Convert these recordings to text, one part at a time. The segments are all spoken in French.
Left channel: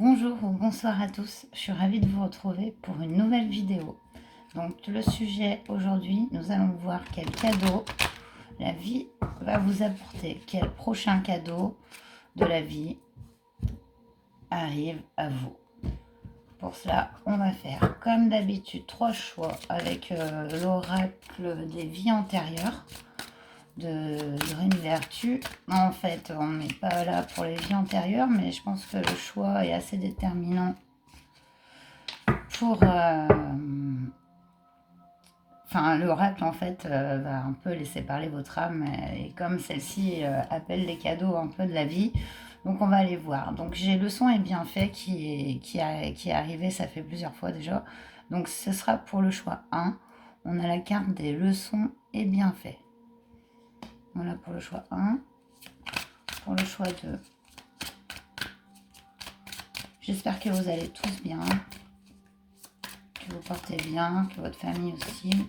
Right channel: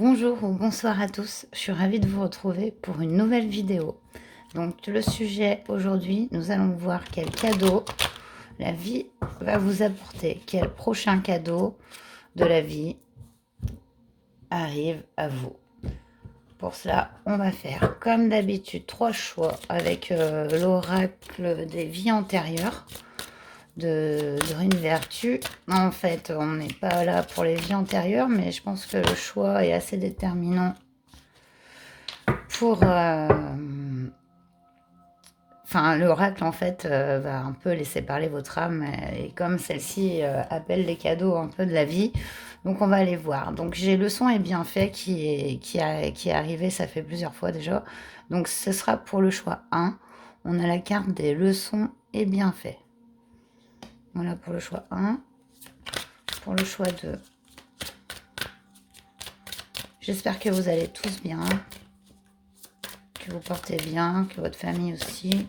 Bonjour ou bonsoir à tous, je suis ravie de vous retrouver pour une nouvelle vidéo. Donc le sujet aujourd'hui, nous allons voir quel cadeau la vie va vous apporter, quel prochain cadeau de la vie arrive à vous. Pour cela, on va faire comme d'habitude 3 choix avec l'oracle des vies antérieures de Brune Vertu. En fait, on n'est pas là pour les vies antérieures, mais je pense que le choix est assez déterminant pour... Enfin, l'oracle, en fait, va un peu laisser parler votre âme. Et comme celle-ci appelle les cadeaux un peu de la vie, donc on va aller voir. Donc j'ai leçon et bienfait qui est arrivé, ça fait plusieurs fois déjà. Donc ce sera pour le choix 1. On a la carte des leçons et bienfaits. Voilà pour le choix 1. Pour le choix 2. J'espère que vous allez tous bien, que vous portez bien, que votre famille aussi.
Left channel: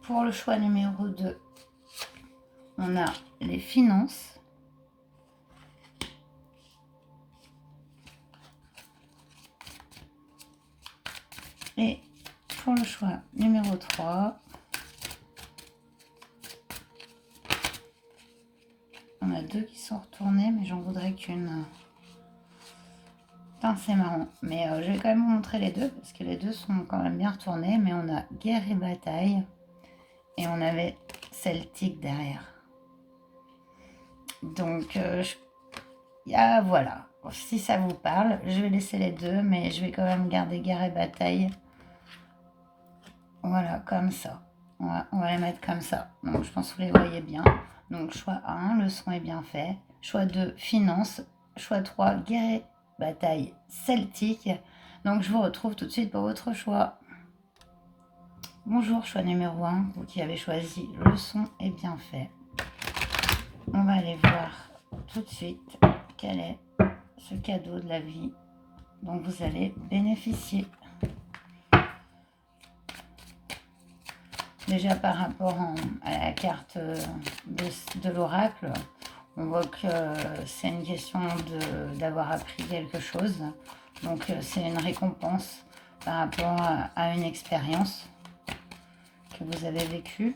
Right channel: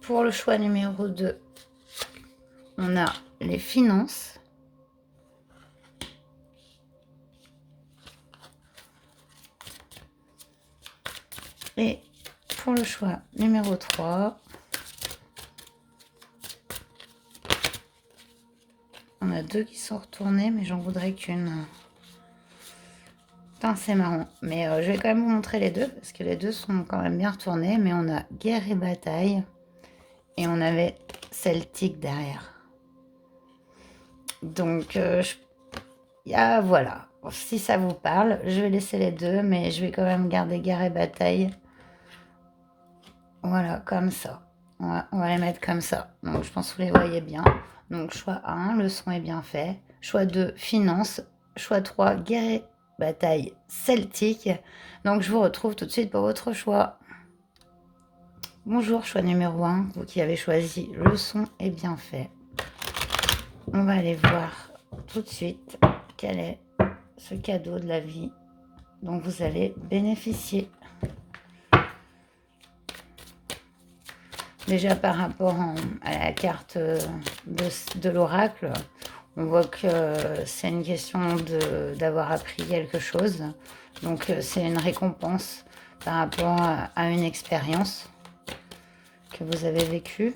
Pour le choix numéro 2, on a les finances. Et pour le choix numéro 3, on a 2 qui sont retournés, mais j'en voudrais qu'une. Putain, c'est marrant. Mais je vais quand même vous montrer les deux, parce que les deux sont quand même bien retournés. Mais on a guerre et bataille. Et on avait celtique derrière. Donc, voilà. Si ça vous parle, je vais laisser les deux, mais je vais quand même garder guerre et bataille. Voilà, comme ça. On va les mettre comme ça. Donc, je pense que vous les voyez bien. Donc, choix 1, le son est bien fait. Choix 2, finance. Choix 3, guerre et bataille celtique. Donc, je vous retrouve tout de suite pour votre choix. Bonjour, choix numéro 1, vous qui avez choisi le son est bien fait. On va aller voir tout de suite quel est ce cadeau de la vie dont vous allez bénéficier. Déjà par rapport à la carte de l'oracle, on voit que c'est une question d'avoir appris quelque chose. Donc c'est une récompense par rapport à une expérience que vous avez vécue.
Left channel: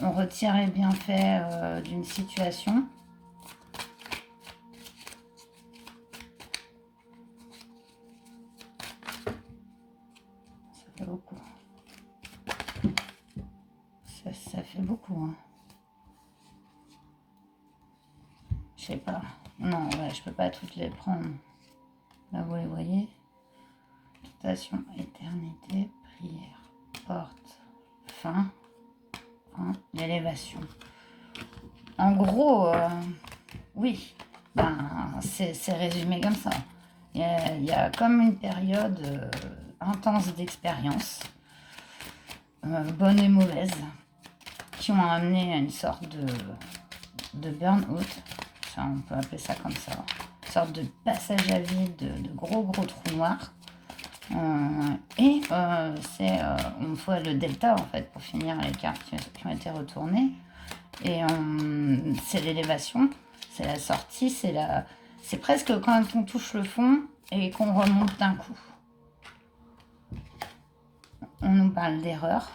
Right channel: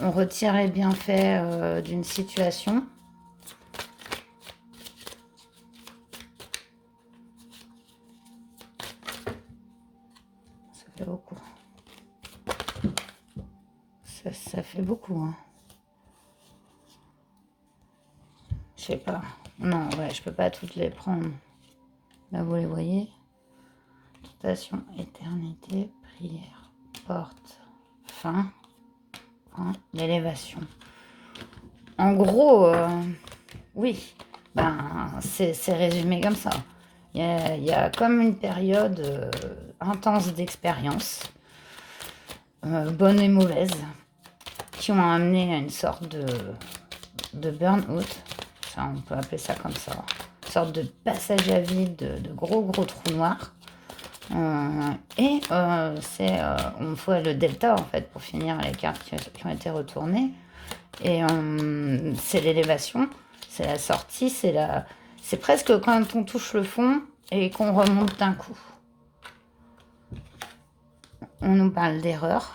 On retire les bienfaits d'une situation. Ça fait beaucoup. Ça fait beaucoup, hein. Je sais pas. Non, ouais, je peux pas toutes les prendre. Là, vous les voyez. Station, éternité, prière, porte, fin, l'élévation. En gros, oui, ben, c'est résumé comme ça. Il y a comme une période intense d'expérience, bonne et mauvaise, qui ont amené à une sorte de burn-out. On peut appeler ça comme ça. Une sorte de passage à vide, de gros trous noirs. On voit le delta en fait pour finir les cartes qui ont été retournées. Et c'est l'élévation, c'est la sortie, c'est presque quand on touche le fond et qu'on remonte d'un coup. On nous parle d'erreur.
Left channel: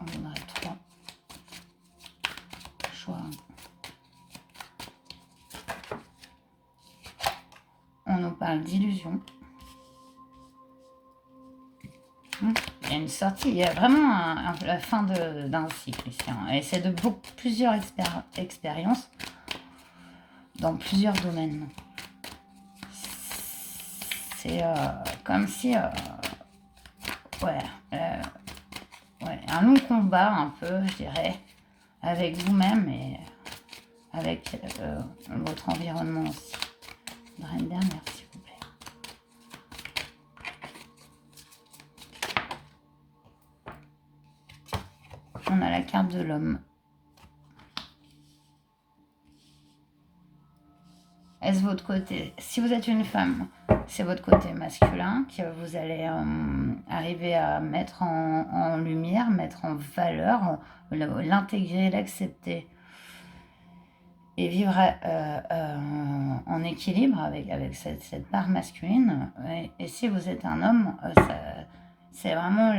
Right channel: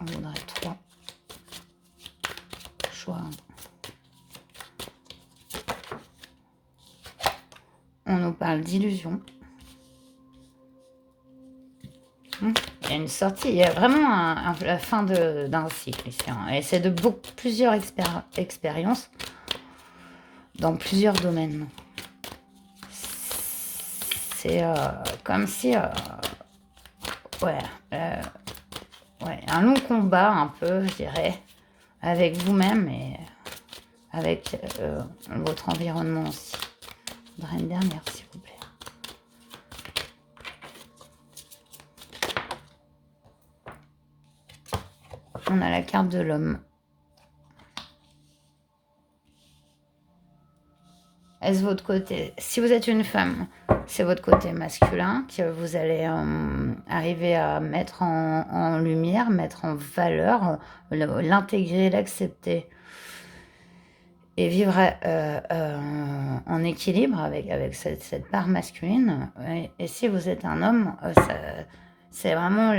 On voudrait 3 choix. On nous parle d'illusion. Il y a une sortie, il y a vraiment la fin d'un cycle ici. Et c'est de plusieurs expériences dans plusieurs domaines. C'est comme si, ouais, un long combat un peu, je dirais, avec vous-même et avec votre environnement aussi. Je voudrais une dernière, s'il vous plaît. On a la carte de l'homme. Est-ce votre côté, si vous êtes une femme, c'est votre côté masculin que vous allez arriver à mettre en lumière, mettre en valeur, l'intégrer, l'accepter et vivre en équilibre avec cette part masculine. Et si vous êtes un homme, c'est vraiment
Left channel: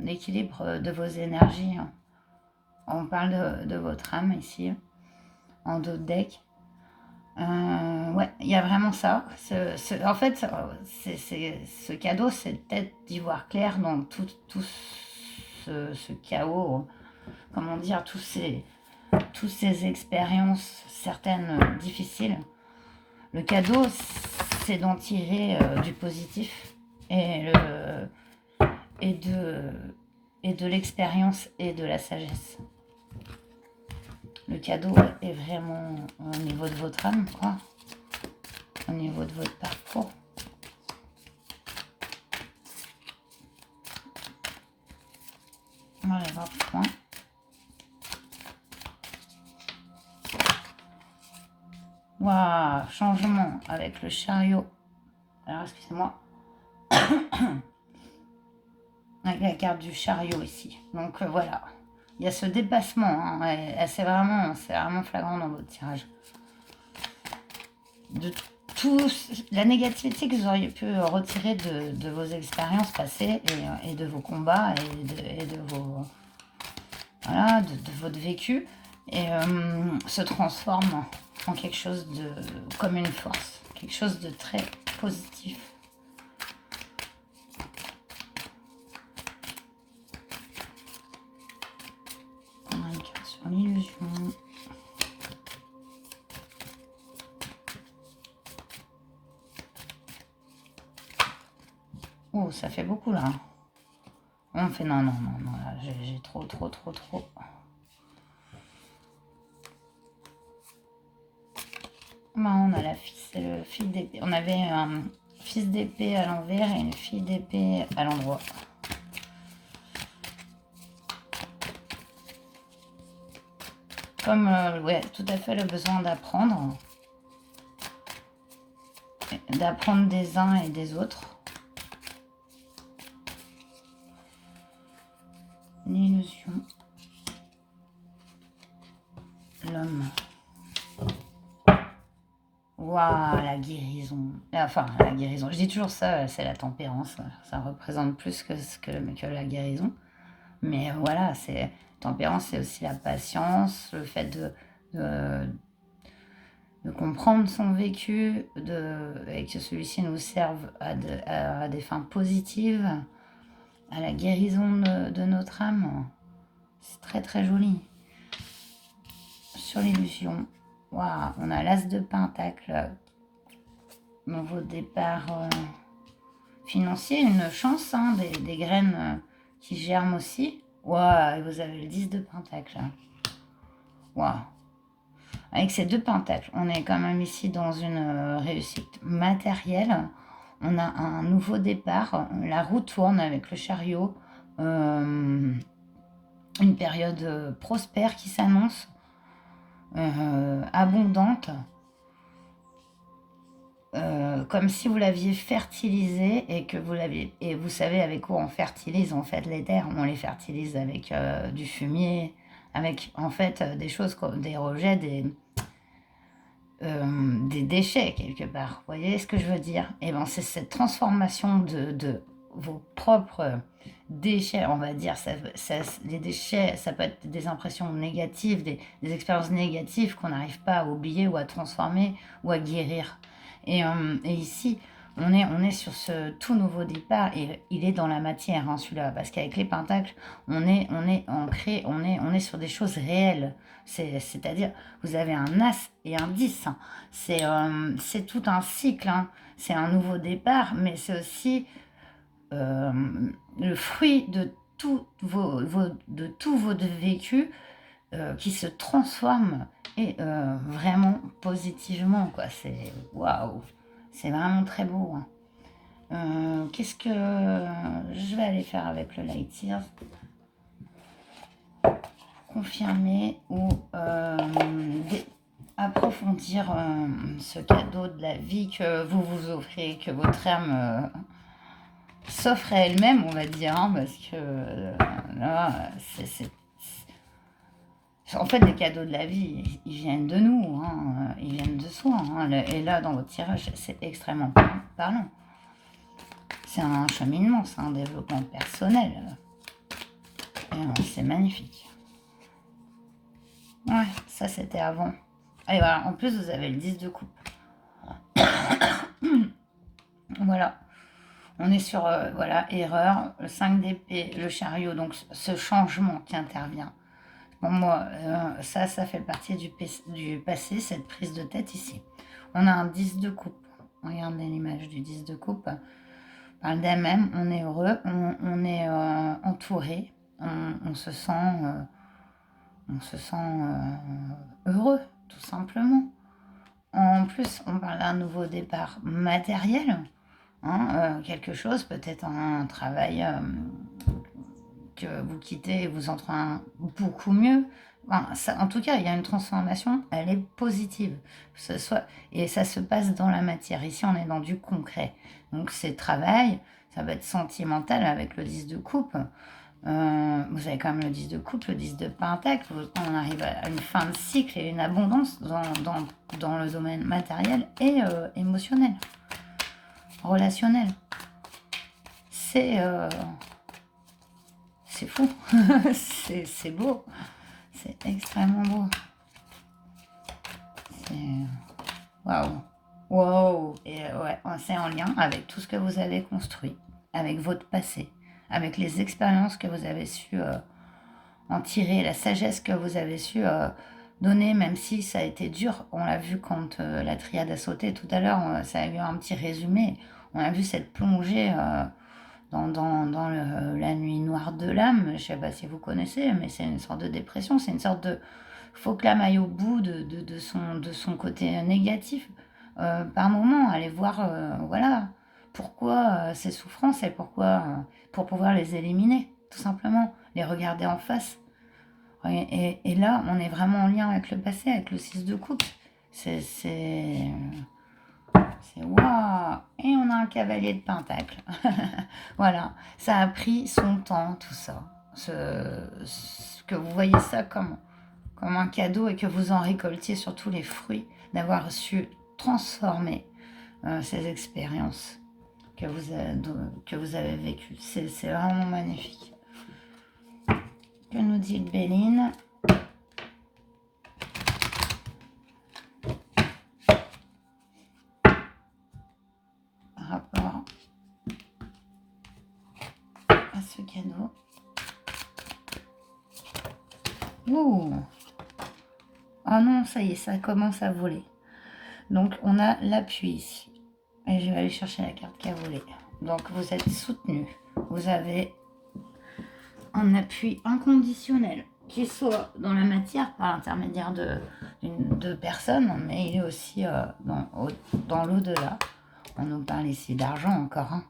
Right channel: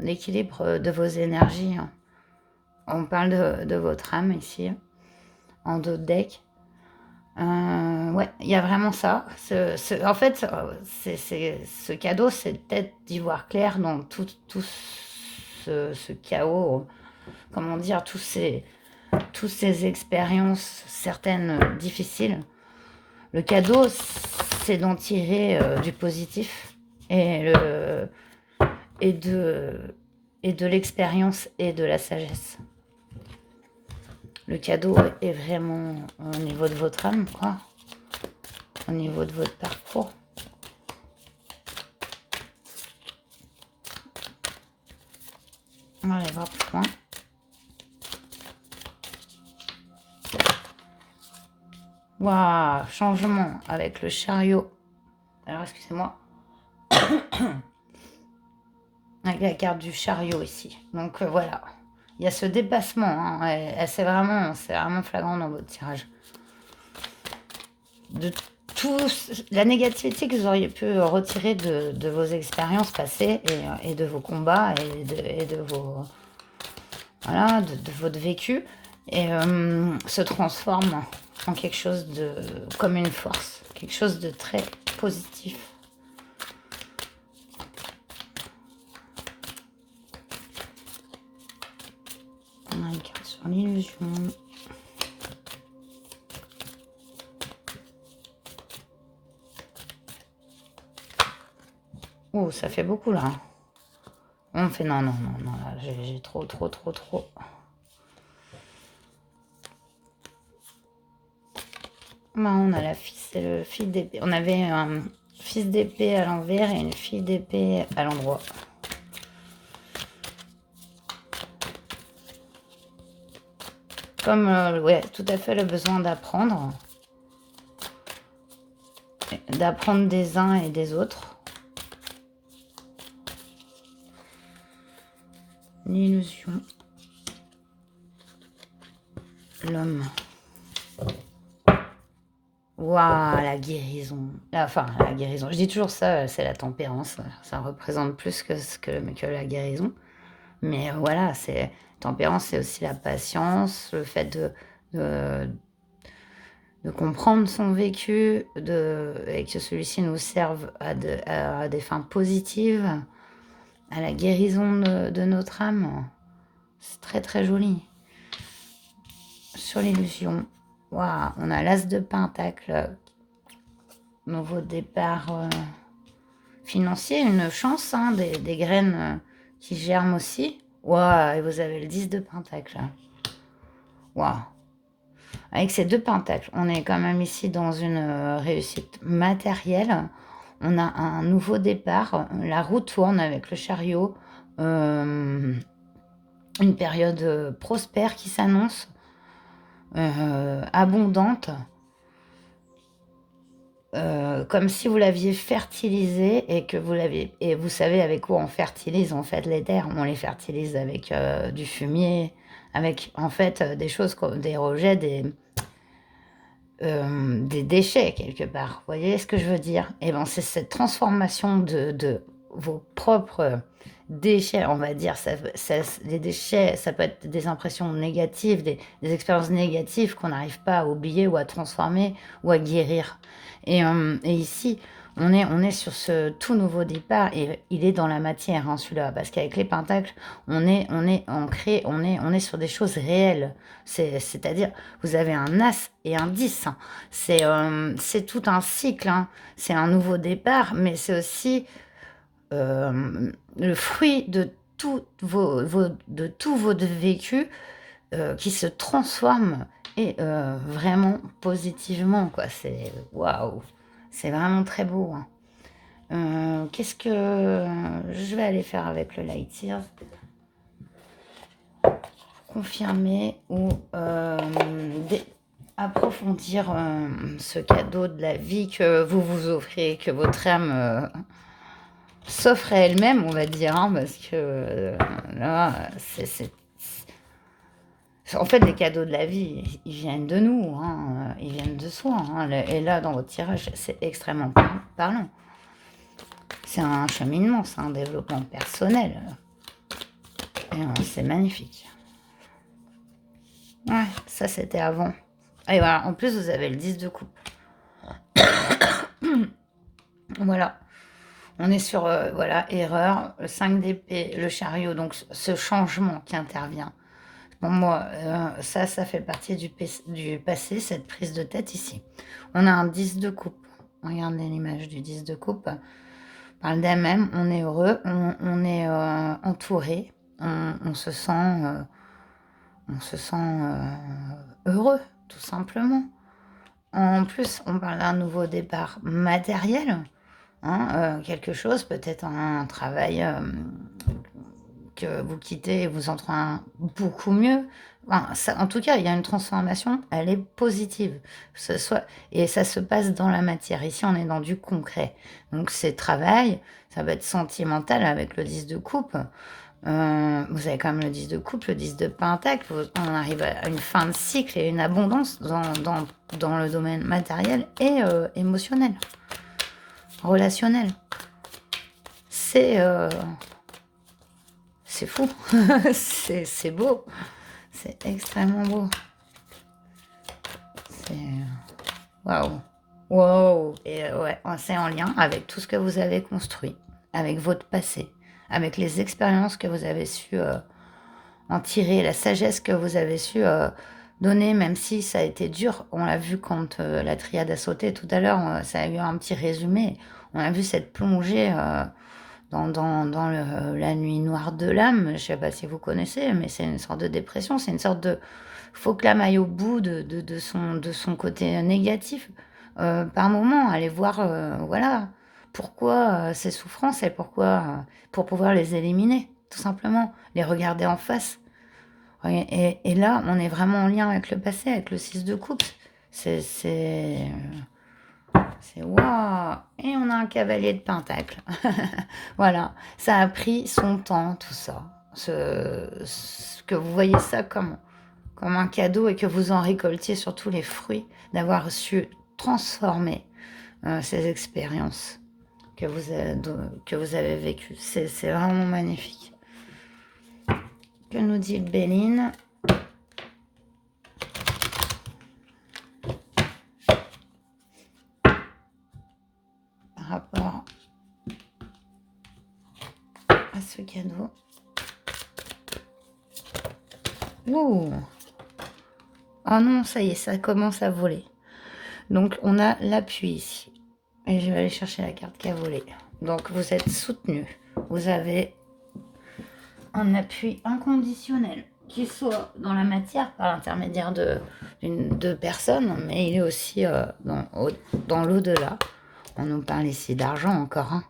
l'équilibre de vos énergies. On parle de votre âme ici, en dos de deck. Ouais, il y a vraiment ça. En fait, ce cadeau, c'est peut-être d'y voir clair dans tout ce chaos, comment dire, toutes ces expériences, certaines difficiles. Le cadeau, c'est d'en tirer du positif et, et de l'expérience et de la sagesse. Le cadeau est vraiment au niveau de votre âme, quoi. Au niveau de votre parcours. On va aller voir plus loin. Waouh, changement avec le chariot. Alors, excusez-moi. Avec la carte du chariot ici. Donc, voilà. Il y a ce dépassement. Hein, et c'est vraiment flagrant dans votre tirage. De la négativité que vous auriez pu retirer de vos expériences passées et de vos combats et de vos voilà, de votre vécu et se transforme en quelque chose de comme une force, quelque chose de très positif. On a une carte sur l'illusion. Oh, ça fait beaucoup là. On fait non, j'ai trop. Non, on a c'est le fil d'épée. On avait un fils d'épée à l'envers et une fille d'épée à l'endroit. Comme, ouais, tout à fait le besoin d'apprendre. D'apprendre des uns et des autres. L'illusion. L'homme. Waouh, la guérison. Enfin, la guérison. Je dis toujours ça, c'est la tempérance. Ça représente plus que la guérison. Mais voilà, tempérance, c'est aussi la patience, le fait de comprendre son vécu et que celui-ci nous serve à des fins positives, à la guérison de notre âme. C'est très très joli. Sur l'illusion, waouh, on a l'as de pentacle, nouveau départ financier, une chance, hein, des graines qui germent aussi. Waouh, et vous avez le 10 de pentacle. Waouh. Avec ces deux pentacles, on est quand même ici dans une réussite matérielle. On a un nouveau départ. La roue tourne avec le chariot. Une période prospère qui s'annonce. Abondante. Comme si vous l'aviez fertilisé et que vous savez avec quoi on fertilise en fait les terres. On les fertilise avec du fumier, avec en fait des choses comme des rejets, des déchets quelque part. Vous voyez ce que je veux dire? Et ben c'est cette transformation de vos propres déchets, on va dire. Les déchets, ça peut être des impressions négatives, des expériences négatives qu'on n'arrive pas à oublier ou à transformer ou à guérir. Et ici, on est sur ce tout nouveau départ et il est dans la matière, hein, celui-là, parce qu'avec les pentacles, on est ancré, on est sur des choses réelles. C'est-à-dire, vous avez un as et un 10. Hein. C'est tout un cycle. Hein. C'est un nouveau départ, mais c'est aussi le fruit de tout votre vécu qui se transforme et vraiment positivement, quoi. C'est waouh, c'est vraiment très beau. Hein. Qu'est-ce que je vais aller faire avec le Light Years? Confirmer ou approfondir approfondir ce cadeau de la vie que vous vous offrez, que votre âme s'offre à elle-même, on va dire, hein, parce que là, en fait, les cadeaux de la vie, ils viennent de nous, hein, ils viennent de soi. Hein, et là, dans votre tirage, c'est extrêmement parlant. C'est un cheminement, c'est un développement personnel. Et c'est magnifique. Ouais, ça c'était avant. Et voilà, en plus vous avez le 10 de coupe. Voilà, on est sur, voilà, erreur, le 5 d'épée, le chariot, donc ce changement qui intervient. Bon, moi, ça fait partie du passé, cette prise de tête ici. On a un 10 de coupe. Regardez l'image du 10 de coupe. On parle d'elle-même, on est heureux, on est entouré, on se sent heureux, tout simplement. En plus, on parle d'un nouveau départ matériel, hein, quelque chose, peut-être un travail que vous quittez et vous entrez beaucoup mieux. Enfin, en tout cas, il y a une transformation, elle est positive. Et ça se passe dans la matière. Ici, on est dans du concret. Donc, c'est travail, ça va être sentimental avec le 10 de coupe. Vous avez quand même le 10 de coupe, le 10 de pentacle. On arrive à une fin de cycle et une abondance dans le domaine matériel et émotionnel, relationnel. C'est fou, c'est beau, c'est extrêmement beau. C'est waouh, waouh. Et ouais, c'est en lien avec tout ce que vous avez construit, avec votre passé, avec les expériences que vous avez su en tirer, la sagesse que vous avez su donner, même si ça a été dur. On l'a vu quand la triade a sauté tout à l'heure, ça a eu un petit résumé. On a vu cette plongée dans la nuit noire de l'âme. Je ne sais pas si vous connaissez, mais c'est une sorte de dépression, c'est une sorte de... faut que l'âme aille au bout de son côté négatif. Par moment, aller voir, voilà, pourquoi ces souffrances et pourquoi, pour pouvoir les éliminer, tout simplement, les regarder en face. Et là, on est vraiment en lien avec le passé, avec le 6 de coupe. C'est waouh. Et on a un cavalier de pentacle. Voilà, ça a pris son temps, tout ça. Que vous voyez ça comme un cadeau et que vous en récoltiez surtout les fruits d'avoir su transformer ces expériences que vous avez vécues. C'est vraiment magnifique. Que nous dit Béline? Par rapport à ce cadeau. Ouh! Oh non, ça y est, ça commence à voler. Donc, on a l'appui ici. Et je vais aller chercher la carte qui a volé. Donc, vous êtes soutenu. Vous avez un appui inconditionnel, qu'il soit dans la matière par l'intermédiaire de personnes, mais il est aussi dans l'au-delà. On nous parle ici d'argent encore. Hein.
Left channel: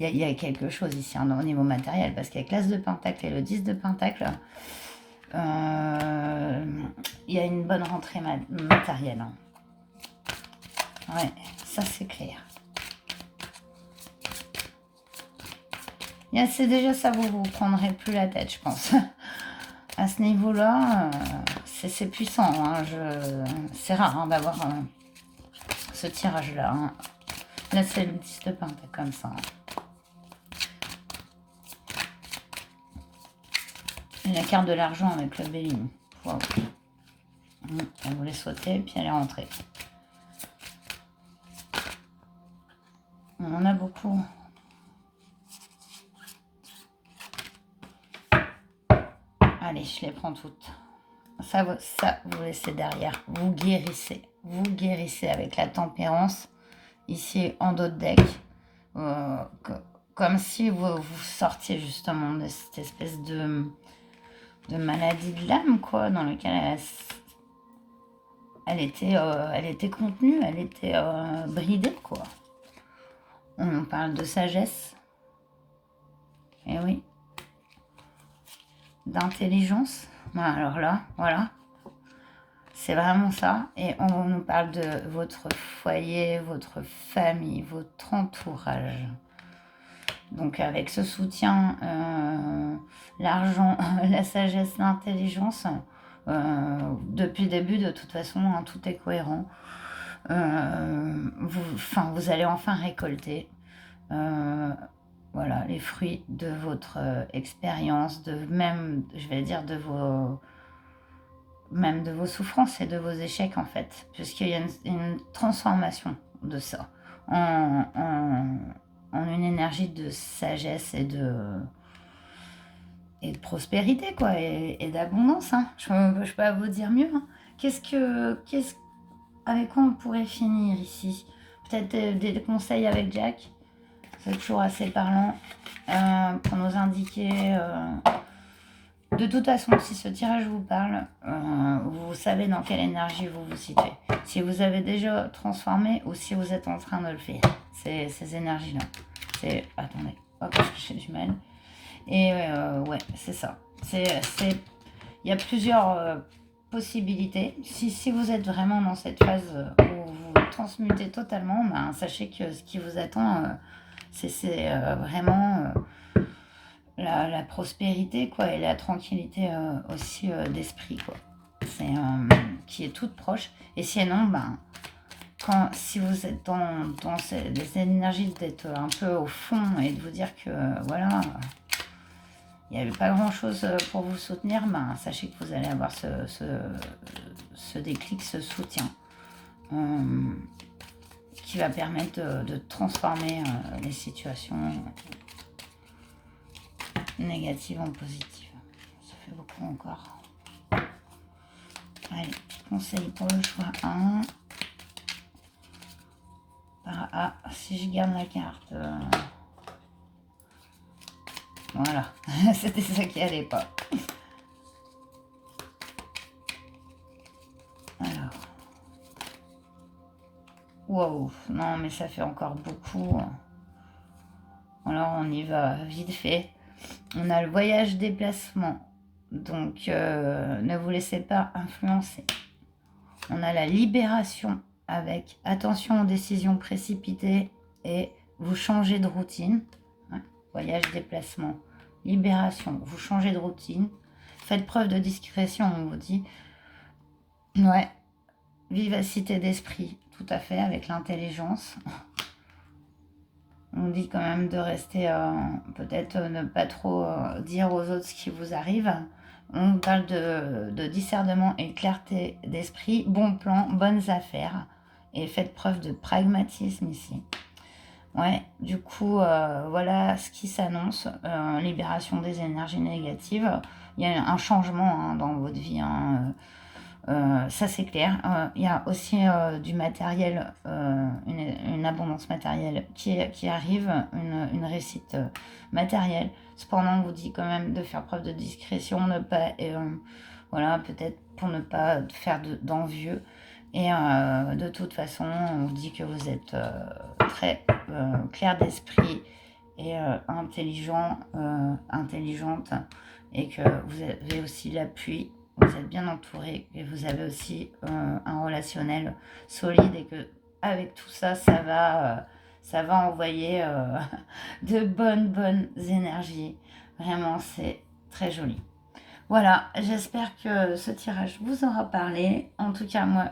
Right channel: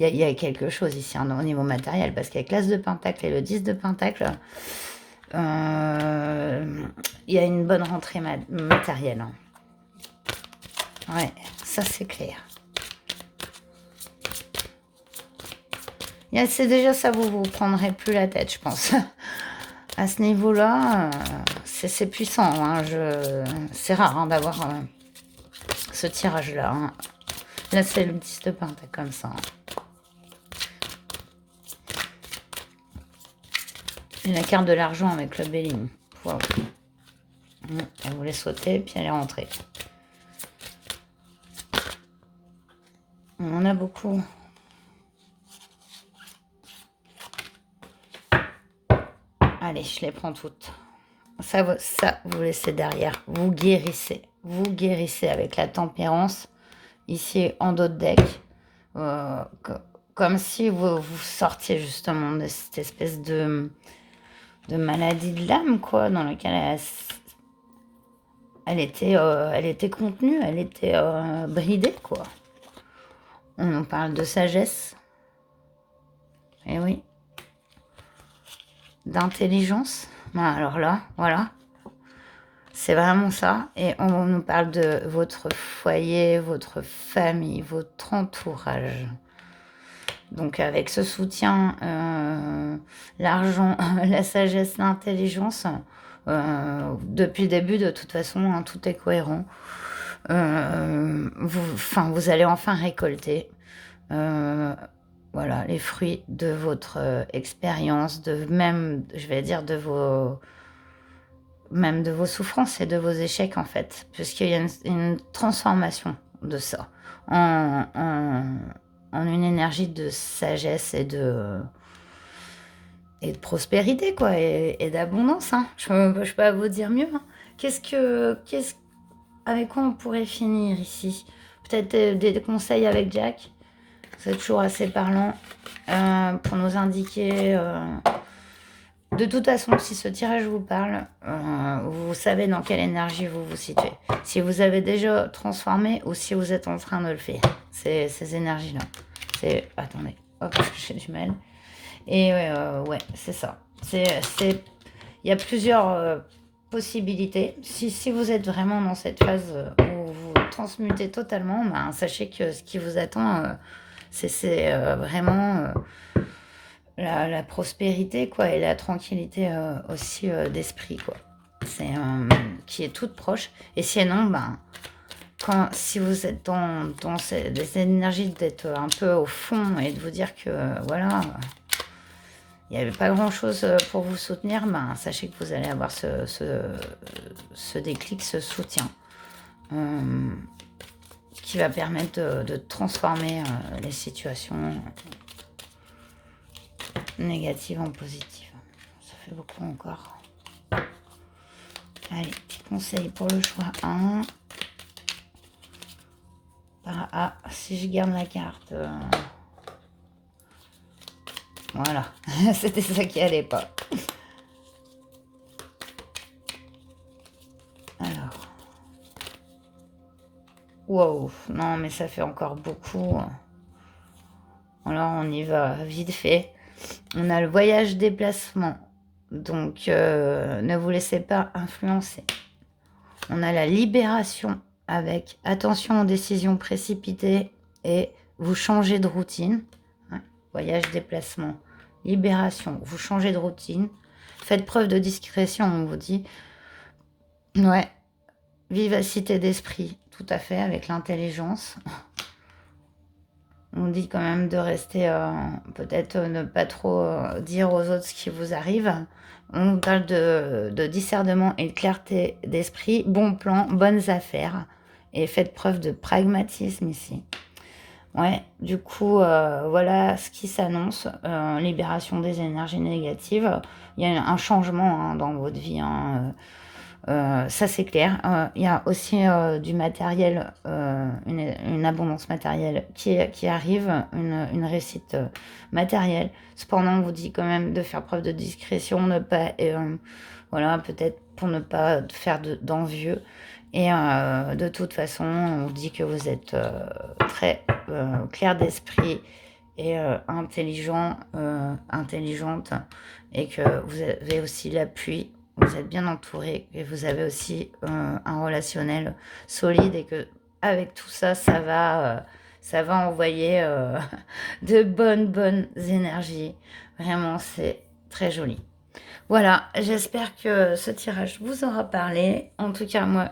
Il y a quelque chose ici hein, au niveau matériel, parce qu'avec l'As de Pentacle et le 10 de Pentacle, il y a une bonne rentrée matérielle. Hein. Ouais, ça c'est clair. C'est déjà ça, vous ne prendrez plus la tête, je pense. À ce niveau-là, c'est puissant. Hein, c'est rare hein, d'avoir ce tirage-là. Hein. Là, c'est le 10 de pentacle comme ça. Et la carte de l'argent avec le béline. Wow. Elle voulait sauter, puis elle est rentrée. On en a beaucoup. Allez, je les prends toutes. Ça, vous laissez derrière. Vous guérissez. Vous guérissez avec la tempérance. Ici, en dos de deck. Comme si vous sortiez justement de cette espèce de maladie de l'âme, quoi, dans laquelle elle était contenue, elle était bridée, quoi. On parle de sagesse. Eh oui. D'intelligence. Alors là, voilà. C'est vraiment ça. Et on nous parle de votre foyer, votre famille, votre entourage. Donc avec ce soutien, l'argent, la sagesse, l'intelligence, depuis le début, de toute façon, hein, tout est cohérent. Vous allez enfin récolter voilà, les fruits de votre expérience, de même, je vais dire, même de vos souffrances et de vos échecs, en fait, puisqu'il y a une transformation de ça en une énergie de sagesse et de prospérité, quoi, et d'abondance. Hein. Je ne peux pas vous dire mieux. Hein. Avec quoi on pourrait finir ici? Peut-être des conseils avec Jack. C'est toujours assez parlant pour nous indiquer. De toute façon, si ce tirage vous parle, vous savez dans quelle énergie vous vous situez. Si vous avez déjà transformé ou si vous êtes en train de le faire. Ces énergies-là. Attendez, hop, j'ai du mal. Et ouais, c'est ça. Il y a plusieurs possibilités. Si vous êtes vraiment dans cette phase où vous transmutez totalement, ben, sachez que ce qui vous attend, c'est vraiment la prospérité, quoi, et la tranquillité aussi d'esprit, quoi. Qui est toute proche. Et sinon, ben, si vous êtes dans des énergies d'être un peu au fond et de vous dire que voilà, il n'y avait pas grand chose pour vous soutenir, ben, sachez que vous allez avoir ce déclic, ce soutien qui va permettre de transformer les situations négatives en positives. Ça fait beaucoup encore. Allez, petit conseil pour le choix 1. Ah, si je garde la carte... Voilà, c'était ça qui allait pas. Alors. Wow, non mais ça fait encore beaucoup. Alors on y va vite fait. On a le voyage déplacement. Donc ne vous laissez pas influencer. On a la libération avec attention aux décisions précipitées et vous changez de routine. Voyage, déplacement, libération, vous changez de routine. Faites preuve de discrétion, on vous dit. Ouais, vivacité d'esprit, tout à fait, avec l'intelligence. On dit quand même de rester, peut-être ne pas trop dire aux autres ce qui vous arrive. On parle de discernement et de clarté d'esprit, bon plan, bonnes affaires. Et faites preuve de pragmatisme ici. Ouais, du coup, voilà ce qui s'annonce, libération des énergies négatives. Il y a un changement hein, dans votre vie, hein, ça c'est clair. Il y a aussi du matériel, une abondance matérielle qui arrive, une réussite matérielle. Cependant, on vous dit quand même de faire preuve de discrétion, ne pas, voilà, peut-être pour ne pas faire d'envieux. Et de toute façon, on vous dit que vous êtes très clair d'esprit et intelligente, et que vous avez aussi l'appui, vous êtes bien entouré et vous avez aussi un relationnel solide, et que avec tout ça, ça va envoyer de bonnes énergies. Vraiment, c'est très joli. Voilà, j'espère que ce tirage vous aura parlé. En tout cas, moi,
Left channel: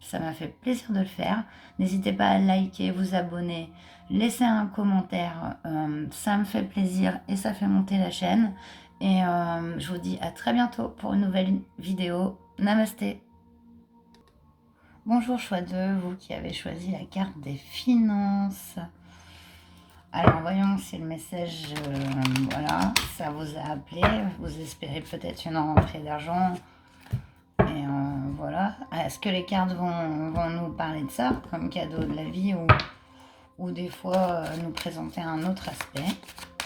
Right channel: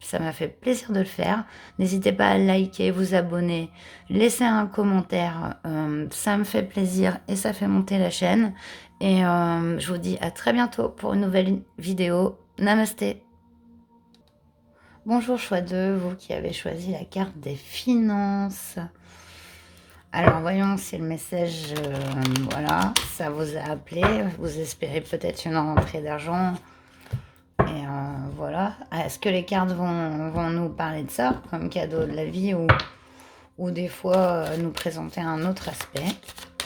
ça m'a fait plaisir de le faire. N'hésitez pas à liker, vous abonner, laisser un commentaire. Ça me fait plaisir et ça fait monter la chaîne. Et je vous dis à très bientôt pour une nouvelle vidéo. Namasté. Bonjour choix 2, vous qui avez choisi la carte des finances. Alors, voyons si le message, voilà, ça vous a appelé. Vous espérez peut-être une rentrée d'argent. Et voilà. Est-ce que les cartes vont nous parler de ça, comme cadeau de la vie, ou des fois nous présenter un autre aspect?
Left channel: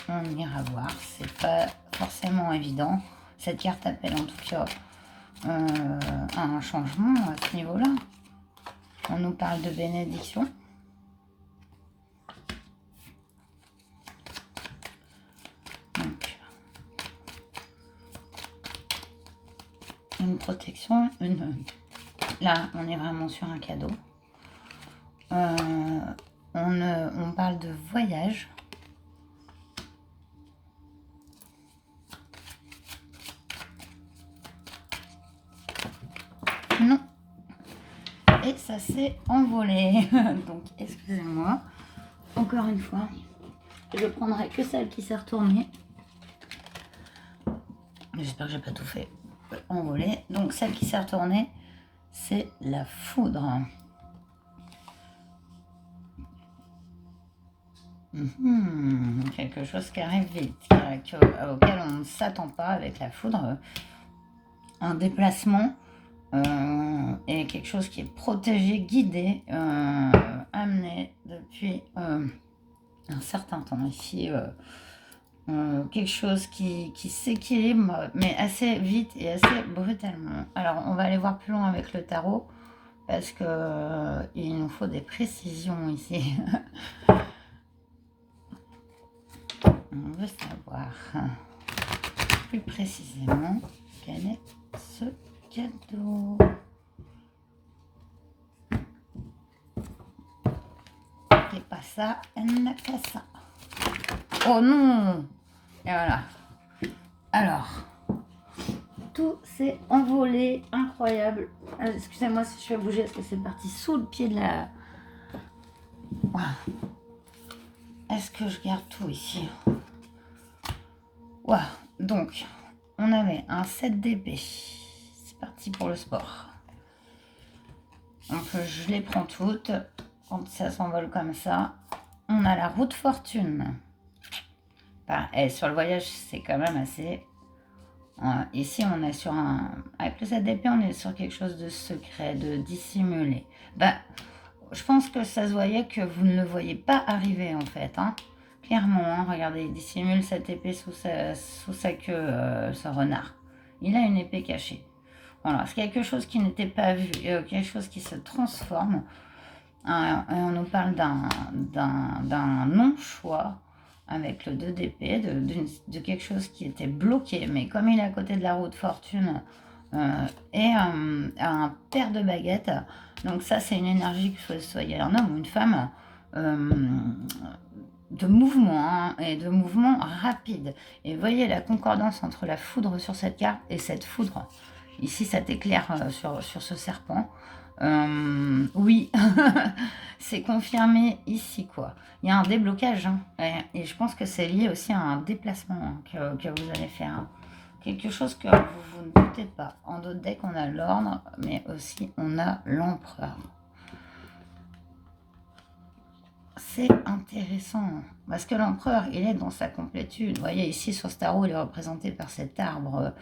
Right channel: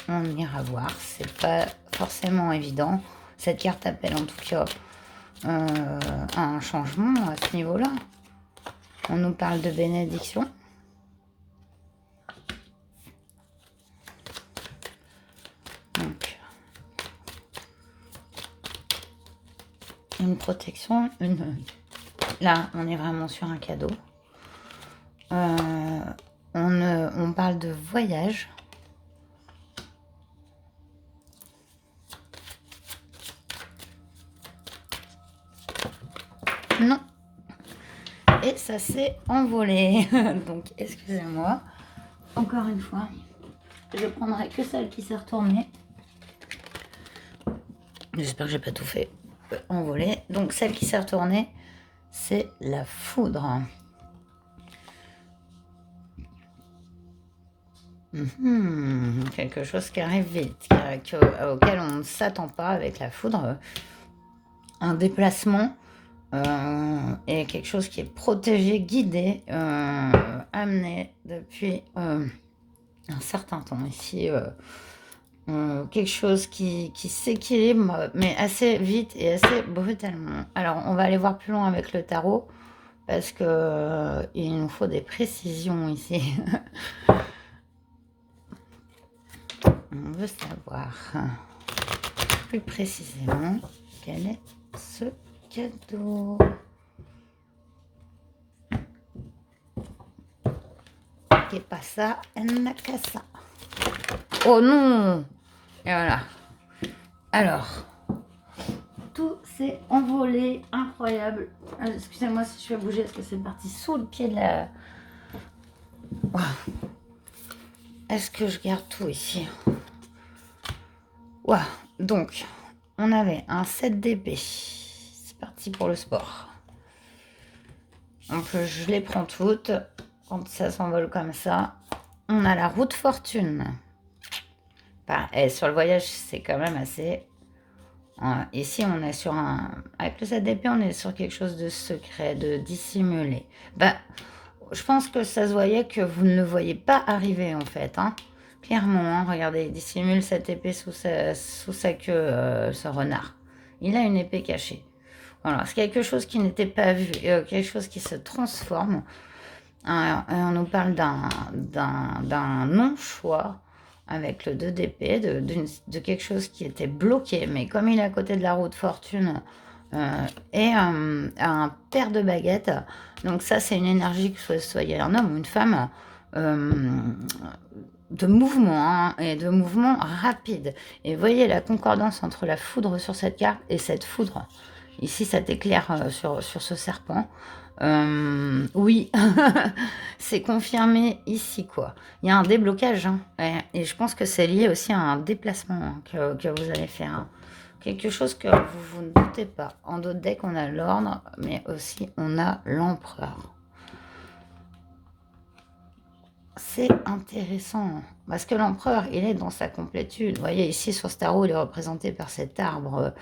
On ira voir. C'est pas forcément évident. Cette carte appelle en tout cas un changement à ce niveau-là. On nous parle de bénédiction. Une protection, Là, on est vraiment sur un cadeau. On parle de voyage. Non. Et ça s'est envolé. Donc, excusez-moi. Encore une fois, je prendrai que celle qui s'est retournée. J'espère que j'ai pas tout fait envoler. Donc, celle qui s'est retournée, c'est la foudre. Quelque chose qui arrive vite, auquel on ne s'attend pas avec la foudre. Un déplacement et quelque chose qui est protégé, guidé, amené depuis un certain temps. Ici, quelque chose qui s'équilibre, mais assez vite et assez brutalement. Alors, on va aller voir plus loin avec le tarot, parce que il nous faut des précisions ici. On veut savoir plus précisément quel est ce cadeau. Qu'est pas ça, elle n'a qu'à ça. Oh non! Et voilà. Alors, tout s'est envolé, incroyable. Excusez-moi si je vais bouger parce que c'est parti sous le pied de la... Wow. Est-ce que je garde tout ici? Wow. Donc, on avait un 7 d'épée. C'est parti pour le sport. Donc, je les prends toutes. Quand ça s'envole comme ça. On a la roue de fortune. Enfin, et sur le voyage, c'est quand même assez... Ici, on est sur un... Avec le 7 d'épée, on est sur quelque chose de secret, de dissimulé. Ben, je pense que ça se voyait que vous ne le voyez pas arriver, en fait. Hein. Clairement, hein, regardez, il dissimule cette épée sous sa queue, ce renard. Il a une épée cachée. Voilà, c'est quelque chose qui n'était pas vu, quelque chose qui se transforme. On nous parle d'un non-choix avec le 2 d'épée, de quelque chose qui était bloqué, mais comme il est à côté de la roue de fortune et un paire de baguettes, donc ça c'est une énergie, que ce soit un homme ou une femme, de mouvement hein, et de mouvement rapide. Et voyez la concordance entre la foudre sur cette carte et cette foudre. Ici, ça t'éclaire sur ce serpent. Oui, c'est confirmé ici, quoi. Il y a un déblocage, hein, et je pense que c'est lié aussi à un déplacement hein, que vous allez faire. Hein. Quelque chose que vous ne doutez pas. En d'autres decks, on a l'ordre, mais aussi on a l'empereur. C'est intéressant, parce que l'empereur, il est dans sa complétude. Vous voyez, ici, sur ce tarot, il est représenté par cet arbre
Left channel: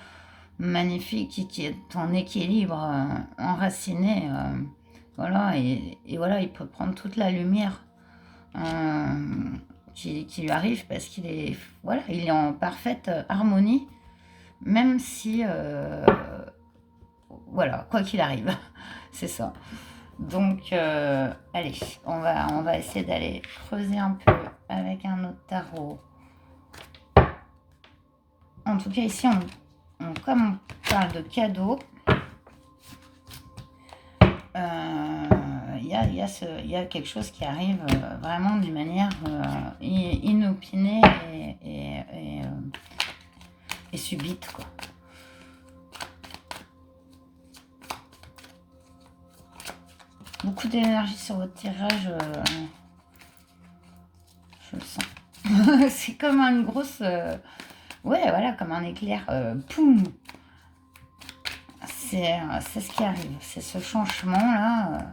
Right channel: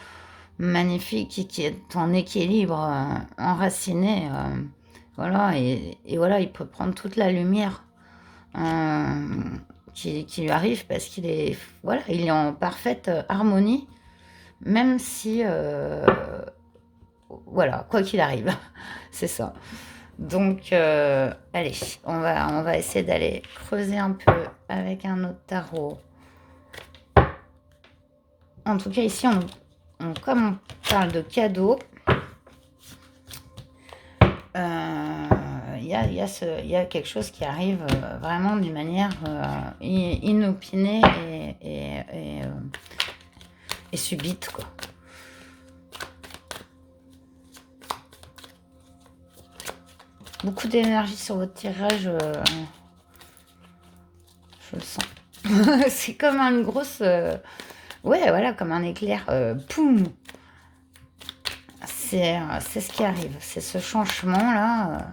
magnifique qui est en équilibre, enraciné. Voilà, et voilà, il peut prendre toute la lumière qui lui arrive, parce qu'il est, voilà, il est en parfaite harmonie, même si, voilà, quoi qu'il arrive, c'est ça. Donc, allez, on va essayer d'aller creuser un peu avec un autre tarot. En tout cas, ici, comme on parle de cadeaux, il y a quelque chose qui arrive vraiment d'une manière inopinée et subite, quoi. Beaucoup d'énergie sur votre tirage, je le sens. C'est comme une grosse... ouais, voilà, comme un éclair. Poum! C'est ce qui arrive. C'est ce changement-là,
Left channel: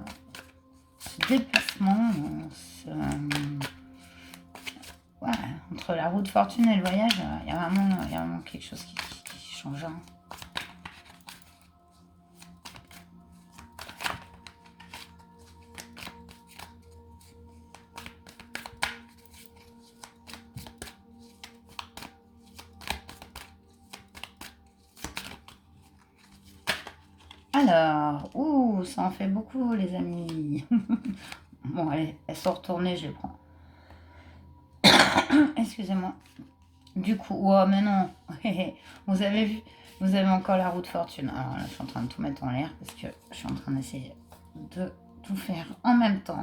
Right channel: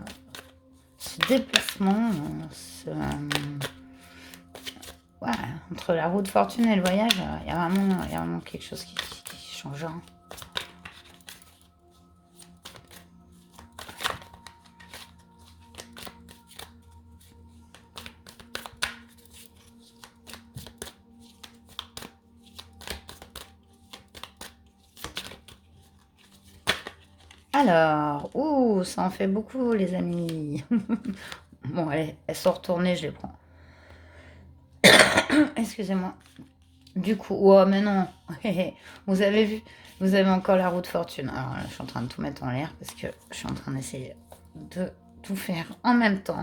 ce déplacement, ouais, entre la roue de fortune et le voyage, il y a vraiment quelque chose qui change. Hein. Alors, ouh, ça en fait beaucoup, les amis. Bon, allez, elles sont retournées, je les prends. Excusez-moi. Du coup, oh, mais non. Vous avez vu, Vous avez encore la roue de fortune. Alors là, je suis en train de tout mettre en l'air parce que je suis en train d'essayer de tout faire en même temps.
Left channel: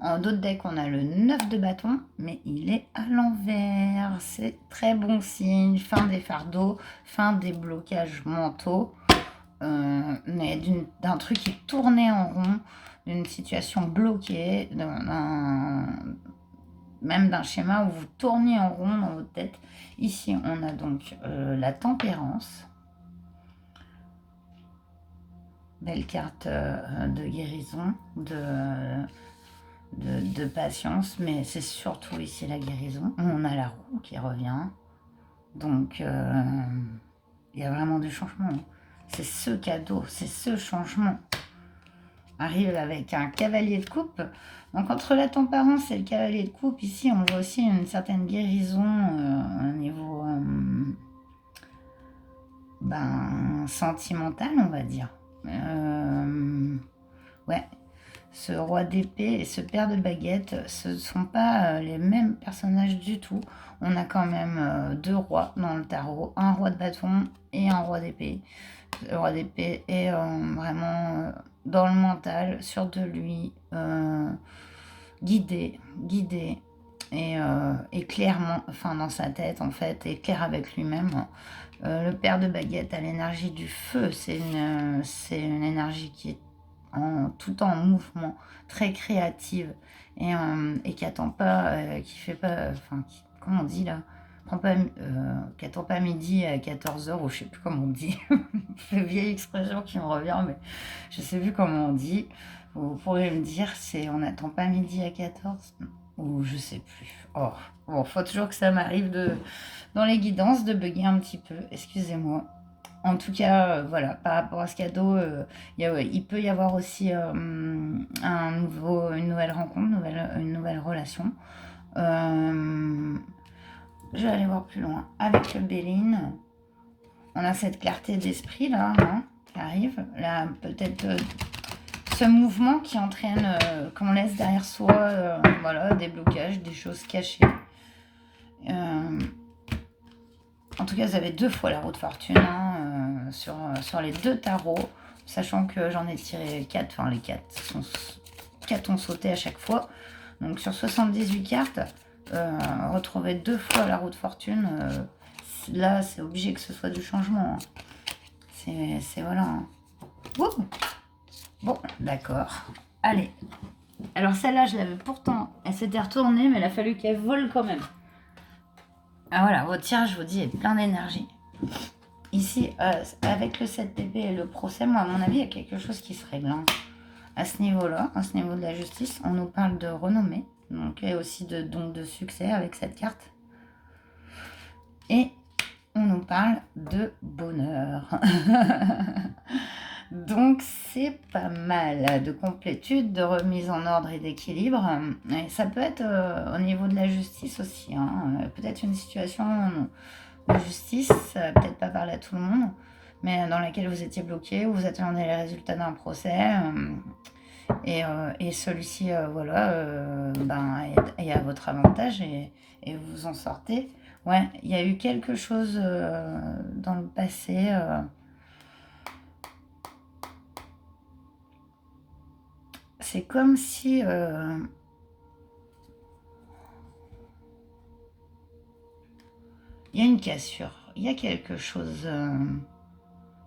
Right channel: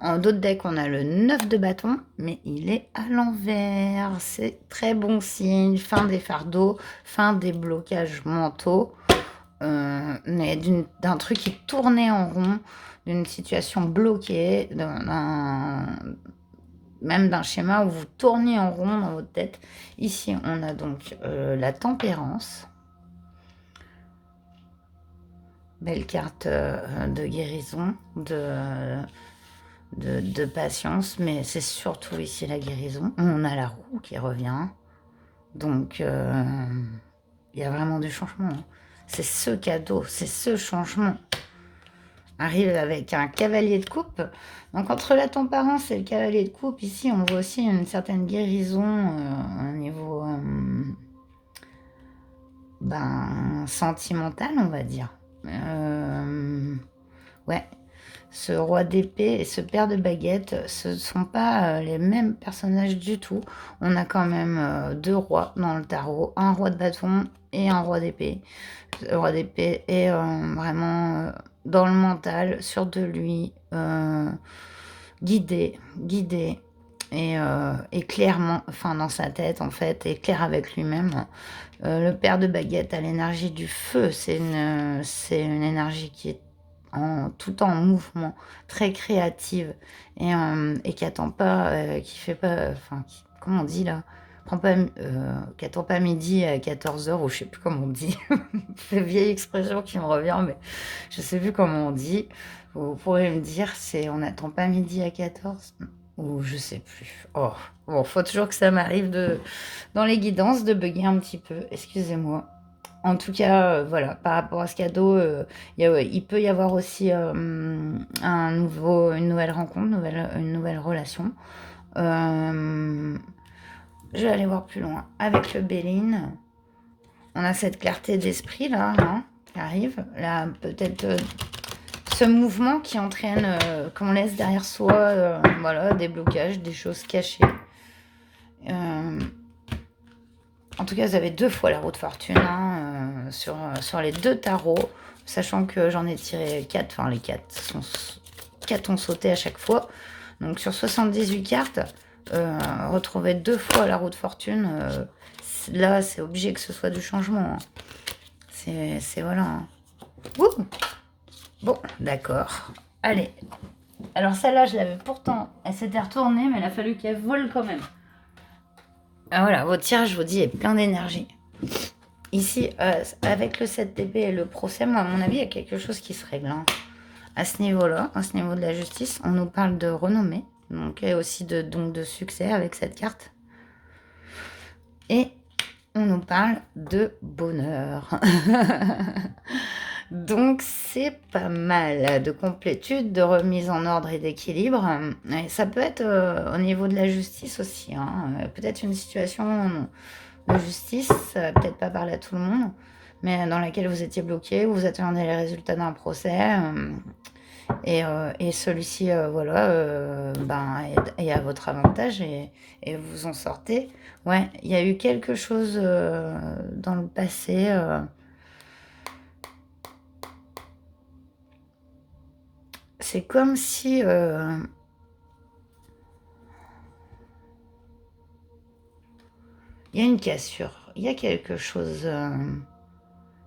En d'autres decks, on a le 9 de bâton, mais il est à l'envers. C'est très bon signe. Fin des fardeaux, fin des blocages mentaux. Mais d'un truc qui tournait en rond, d'une situation bloquée, même d'un schéma où vous tourniez en rond dans votre tête. Ici, on a donc la tempérance. Belle carte de guérison, de patience, mais c'est surtout ici la guérison. On a la roue qui revient. Donc, il y a vraiment du changement. C'est ce cadeau, c'est ce changement. Arrive avec un cavalier de coupe. Donc, entre la tempérance et le cavalier de coupe, ici, on voit aussi une certaine guérison au niveau sentimental, on va dire. Ouais, ce roi d'épée et ce père de baguette, ce ne sont pas les mêmes personnages du tout. On a quand même deux rois dans le tarot, un roi de bâton et un roi d'épée. Le roi d'épée est vraiment dans le mental, sûr de lui, guidé et clairement, enfin dans sa tête en fait, et clair avec lui-même. Le père de baguette a l'énergie du feu, c'est une énergie qui est tout en mouvement, très créative et qui attend pas, qui fait pas, enfin, comment on dit là, qui attend pas midi à 14h ou je sais plus comment on dit. C'est une vieille expression qui me revient, mais je sais plus comment on dit. Vous pourrez me dire, c'est on n'attend pas midi à 14 ou je sais plus. Oh, bon, faut toujours que ça m'arrive dans les guidances de bugger un petit peu. Excusez-moi. En tout cas, voilà, par rapport à ce cadeau, il peut y avoir aussi une nouvelle rencontre, une nouvelle relation. Je vais aller voir plus loin. Avec le Béline, on a cette clarté d'esprit là, hein, qui arrive. Là, peut-être ce mouvement qui entraîne qu'on laisse derrière soi voilà, des blocages, des choses cachées. En tout cas, vous avez 2 fois la roue de fortune hein, sur les 2 tarots, sachant que j'en ai tiré 4, enfin les 4 ont sauté à chaque fois. Donc sur 78 cartes, retrouver 2 fois la roue de fortune, là c'est obligé que ce soit du changement. Hein. C'est voilà. Hein. Bon, d'accord. Allez. Alors celle-là, je l'avais pourtant, elle s'était retournée, mais il a fallu qu'elle vole quand même. Ah, voilà, votre tirage, je vous dis, est plein d'énergie. Ici, avec le 7 d'épée et le procès, moi, à mon avis, il y a quelque chose qui se règle. Hein. À ce niveau-là, à ce niveau de la justice, on nous parle de renommée, donc et aussi de succès avec cette carte. Et on nous parle de bonheur. Donc c'est pas mal de complétude, de remise en ordre et d'équilibre. Et ça peut être au niveau de la justice aussi. Hein. Peut-être une situation de justice, peut-être pas parler à tout le monde, mais dans laquelle vous étiez bloqué, vous attendez les résultats d'un procès. Et celui-ci, voilà, est à votre avantage et vous en sortez. Ouais, il y a eu quelque chose dans le passé. C'est comme si il y a une cassure, il y a quelque chose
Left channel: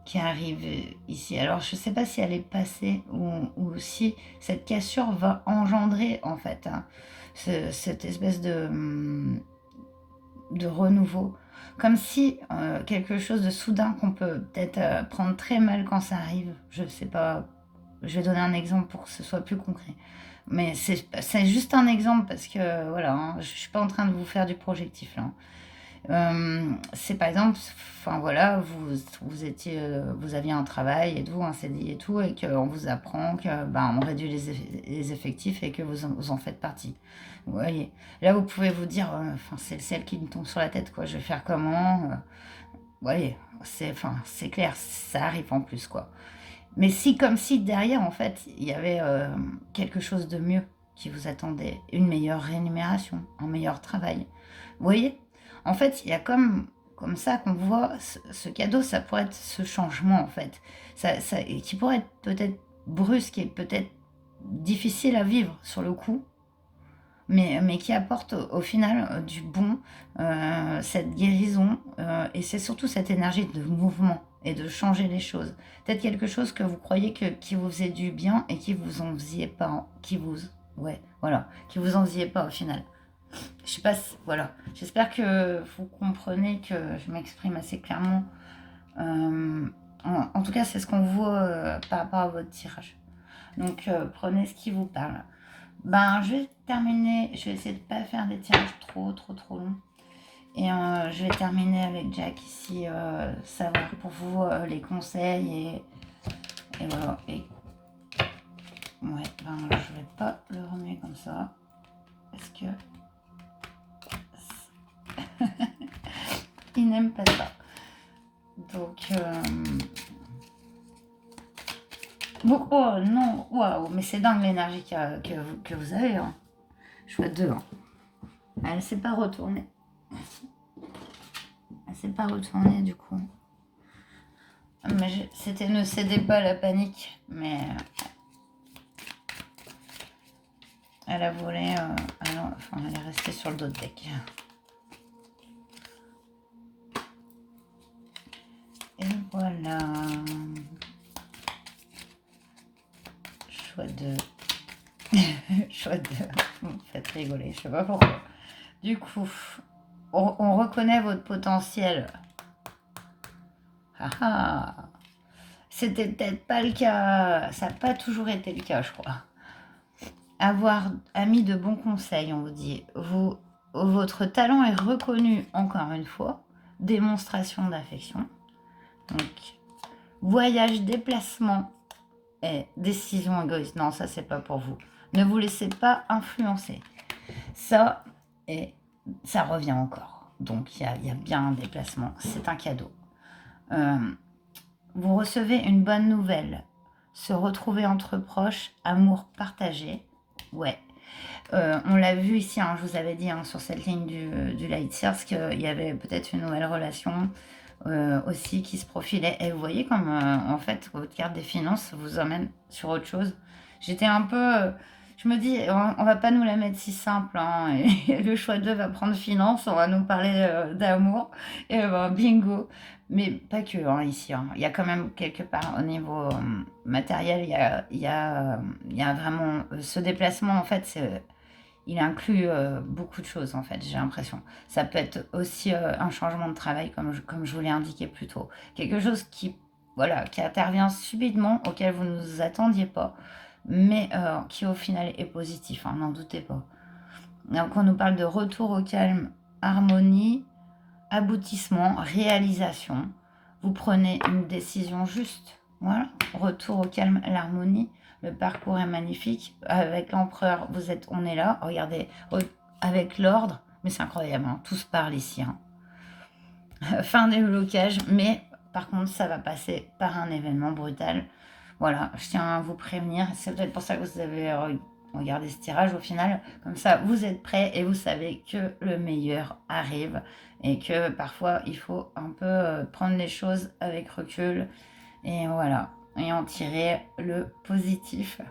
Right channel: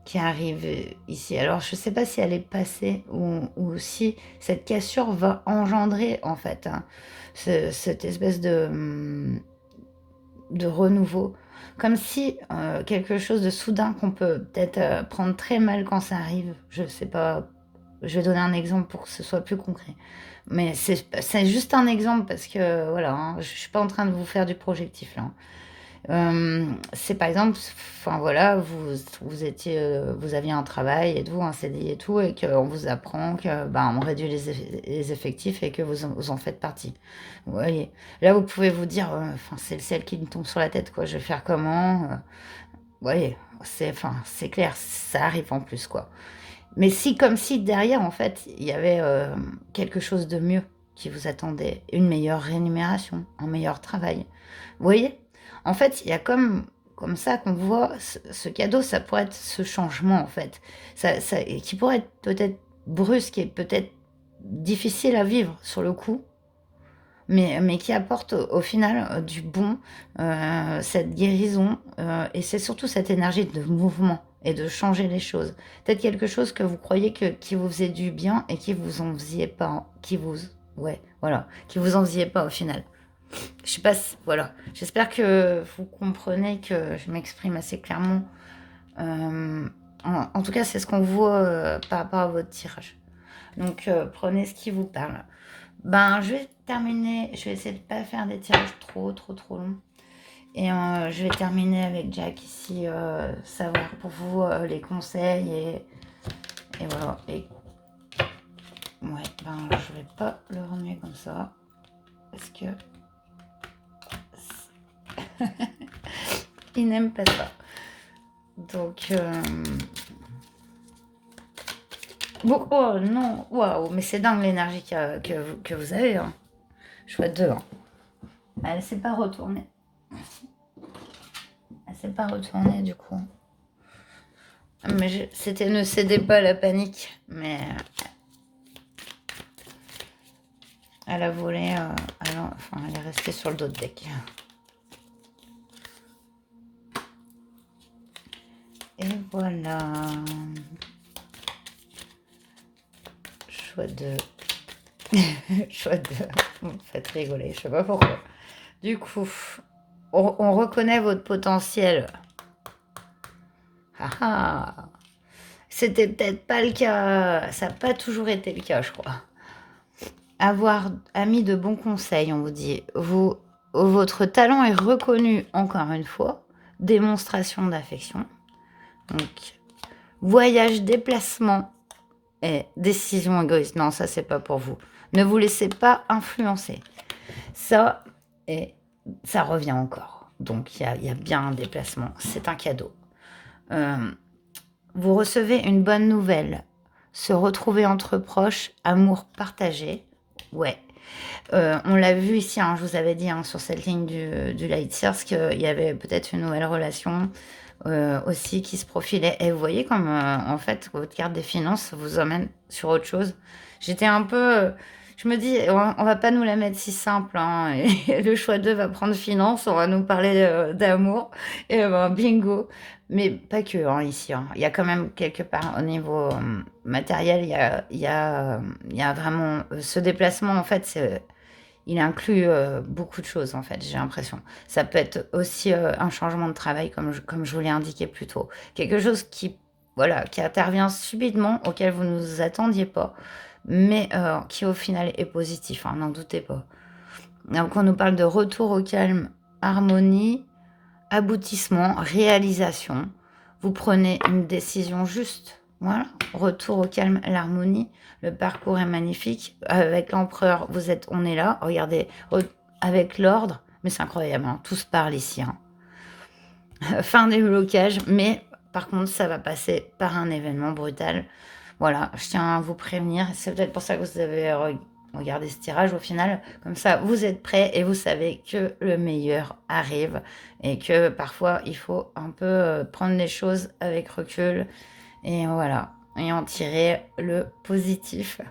qui arrive ici. Alors je ne sais pas si elle est passée ou si cette cassure va engendrer en fait hein, cette espèce de renouveau. Comme si quelque chose de soudain qu'on peut peut-être prendre très mal quand ça arrive. Je ne sais pas, je vais donner un exemple pour que ce soit plus concret. Mais c'est juste un exemple parce que voilà, hein, je ne suis pas en train de vous faire du projectif là. C'est par exemple, enfin voilà, vous aviez un travail et tout, un CDI et tout, et qu'on vous apprend que on réduit les effectifs et que vous en faites partie. Vous voyez, là vous pouvez vous dire, enfin c'est le ciel qui me tombe sur la tête, quoi. Je vais faire comment vous voyez, c'est clair, ça arrive en plus, quoi. Mais si, comme si derrière, en fait, il y avait quelque chose de mieux qui vous attendait, une meilleure rémunération, un meilleur travail. Vous voyez? En fait, il y a comme comme ça qu'on voit ce cadeau, ça pourrait être ce changement en fait, qui pourrait être peut-être brusque et peut-être difficile à vivre sur le coup, mais qui apporte au final du bon, cette guérison, et c'est surtout cette énergie de mouvement et de changer les choses. Peut-être quelque chose que vous croyez qui vous faisait du bien et qui vous en faisiez pas, ouais, voilà, qui vous en faisiez pas au final. Je sais pas si, voilà. J'espère que vous comprenez que je m'exprime assez clairement. En tout cas, c'est ce qu'on voit par rapport à votre tirage. Donc, prenez ce qui vous parle. Ben, je vais terminer. Je vais essayer de ne pas faire des tirages trop longs. Et je vais terminer avec Jack ici, savoir pour vous les conseils et voilà. Et ouais, ben, je vais pas le remuer comme ça parce que il n'aime pas ça. Donc, bon, oh non, waouh, mais c'est dingue l'énergie que vous avez. Hein. Chouette 2. Hein. Elle ne s'est pas retournée. Elle s'est pas retournée du coup. Mais c'était ne cédez pas à la panique. Mais elle a volé. Elle est restée sur le dos de deck. Et voilà. Choix de... Choix de... Vous me faites rigoler, je sais pas pourquoi. Du coup, on reconnaît votre potentiel. Ah ah. C'était peut-être pas le cas. Ça n'a pas toujours été le cas, je crois. Avoir ami de bons conseils, on vous dit. Votre talent est reconnu encore une fois. Démonstration d'affection. Donc, voyage, déplacement et décision égoïste. Non, ça, c'est pas pour vous. Ne vous laissez pas influencer. Ça, et ça revient encore. Donc, il y a bien un déplacement. C'est un cadeau. Vous recevez une bonne nouvelle. Se retrouver entre proches, amour partagé. Ouais. On l'a vu ici, hein, je vous avais dit sur cette ligne du Light Source qu'il y avait peut-être une nouvelle relation aussi qui se profilait. Et vous voyez comme en fait votre carte des finances vous emmène sur autre chose. J'étais un peu... je me dis, on va pas nous la mettre si simple. Hein, et le choix 2 va prendre finance, on va nous parler d'amour. Et bingo. Mais pas que ici. Hein. Il y a quand même quelque part au niveau matériel, il y a vraiment ce déplacement en fait, il inclut beaucoup de choses en fait, j'ai l'impression. Ça peut être aussi un changement de travail comme je vous l'ai indiqué plus tôt. Quelque chose qui intervient subitement, auquel vous ne vous attendiez pas, mais qui au final est positif, hein, n'en doutez pas. Donc on nous parle de retour au calme, harmonie, aboutissement, réalisation. Vous prenez une décision juste. Voilà, retour au calme, l'harmonie. Le parcours est magnifique. Avec l'empereur, on est là. Regardez, avec l'ordre. Mais c'est incroyable, hein, tout se parle ici. Hein. Fin des blocages, mais par contre, ça va passer par un événement brutal. Voilà, je tiens à vous prévenir. C'est peut-être pour ça que vous avez regardé ce tirage au final. Comme ça, vous êtes prêts et vous savez que le meilleur arrive. Et que parfois, il faut un peu prendre les choses avec recul. Et voilà, et en tirer le positif.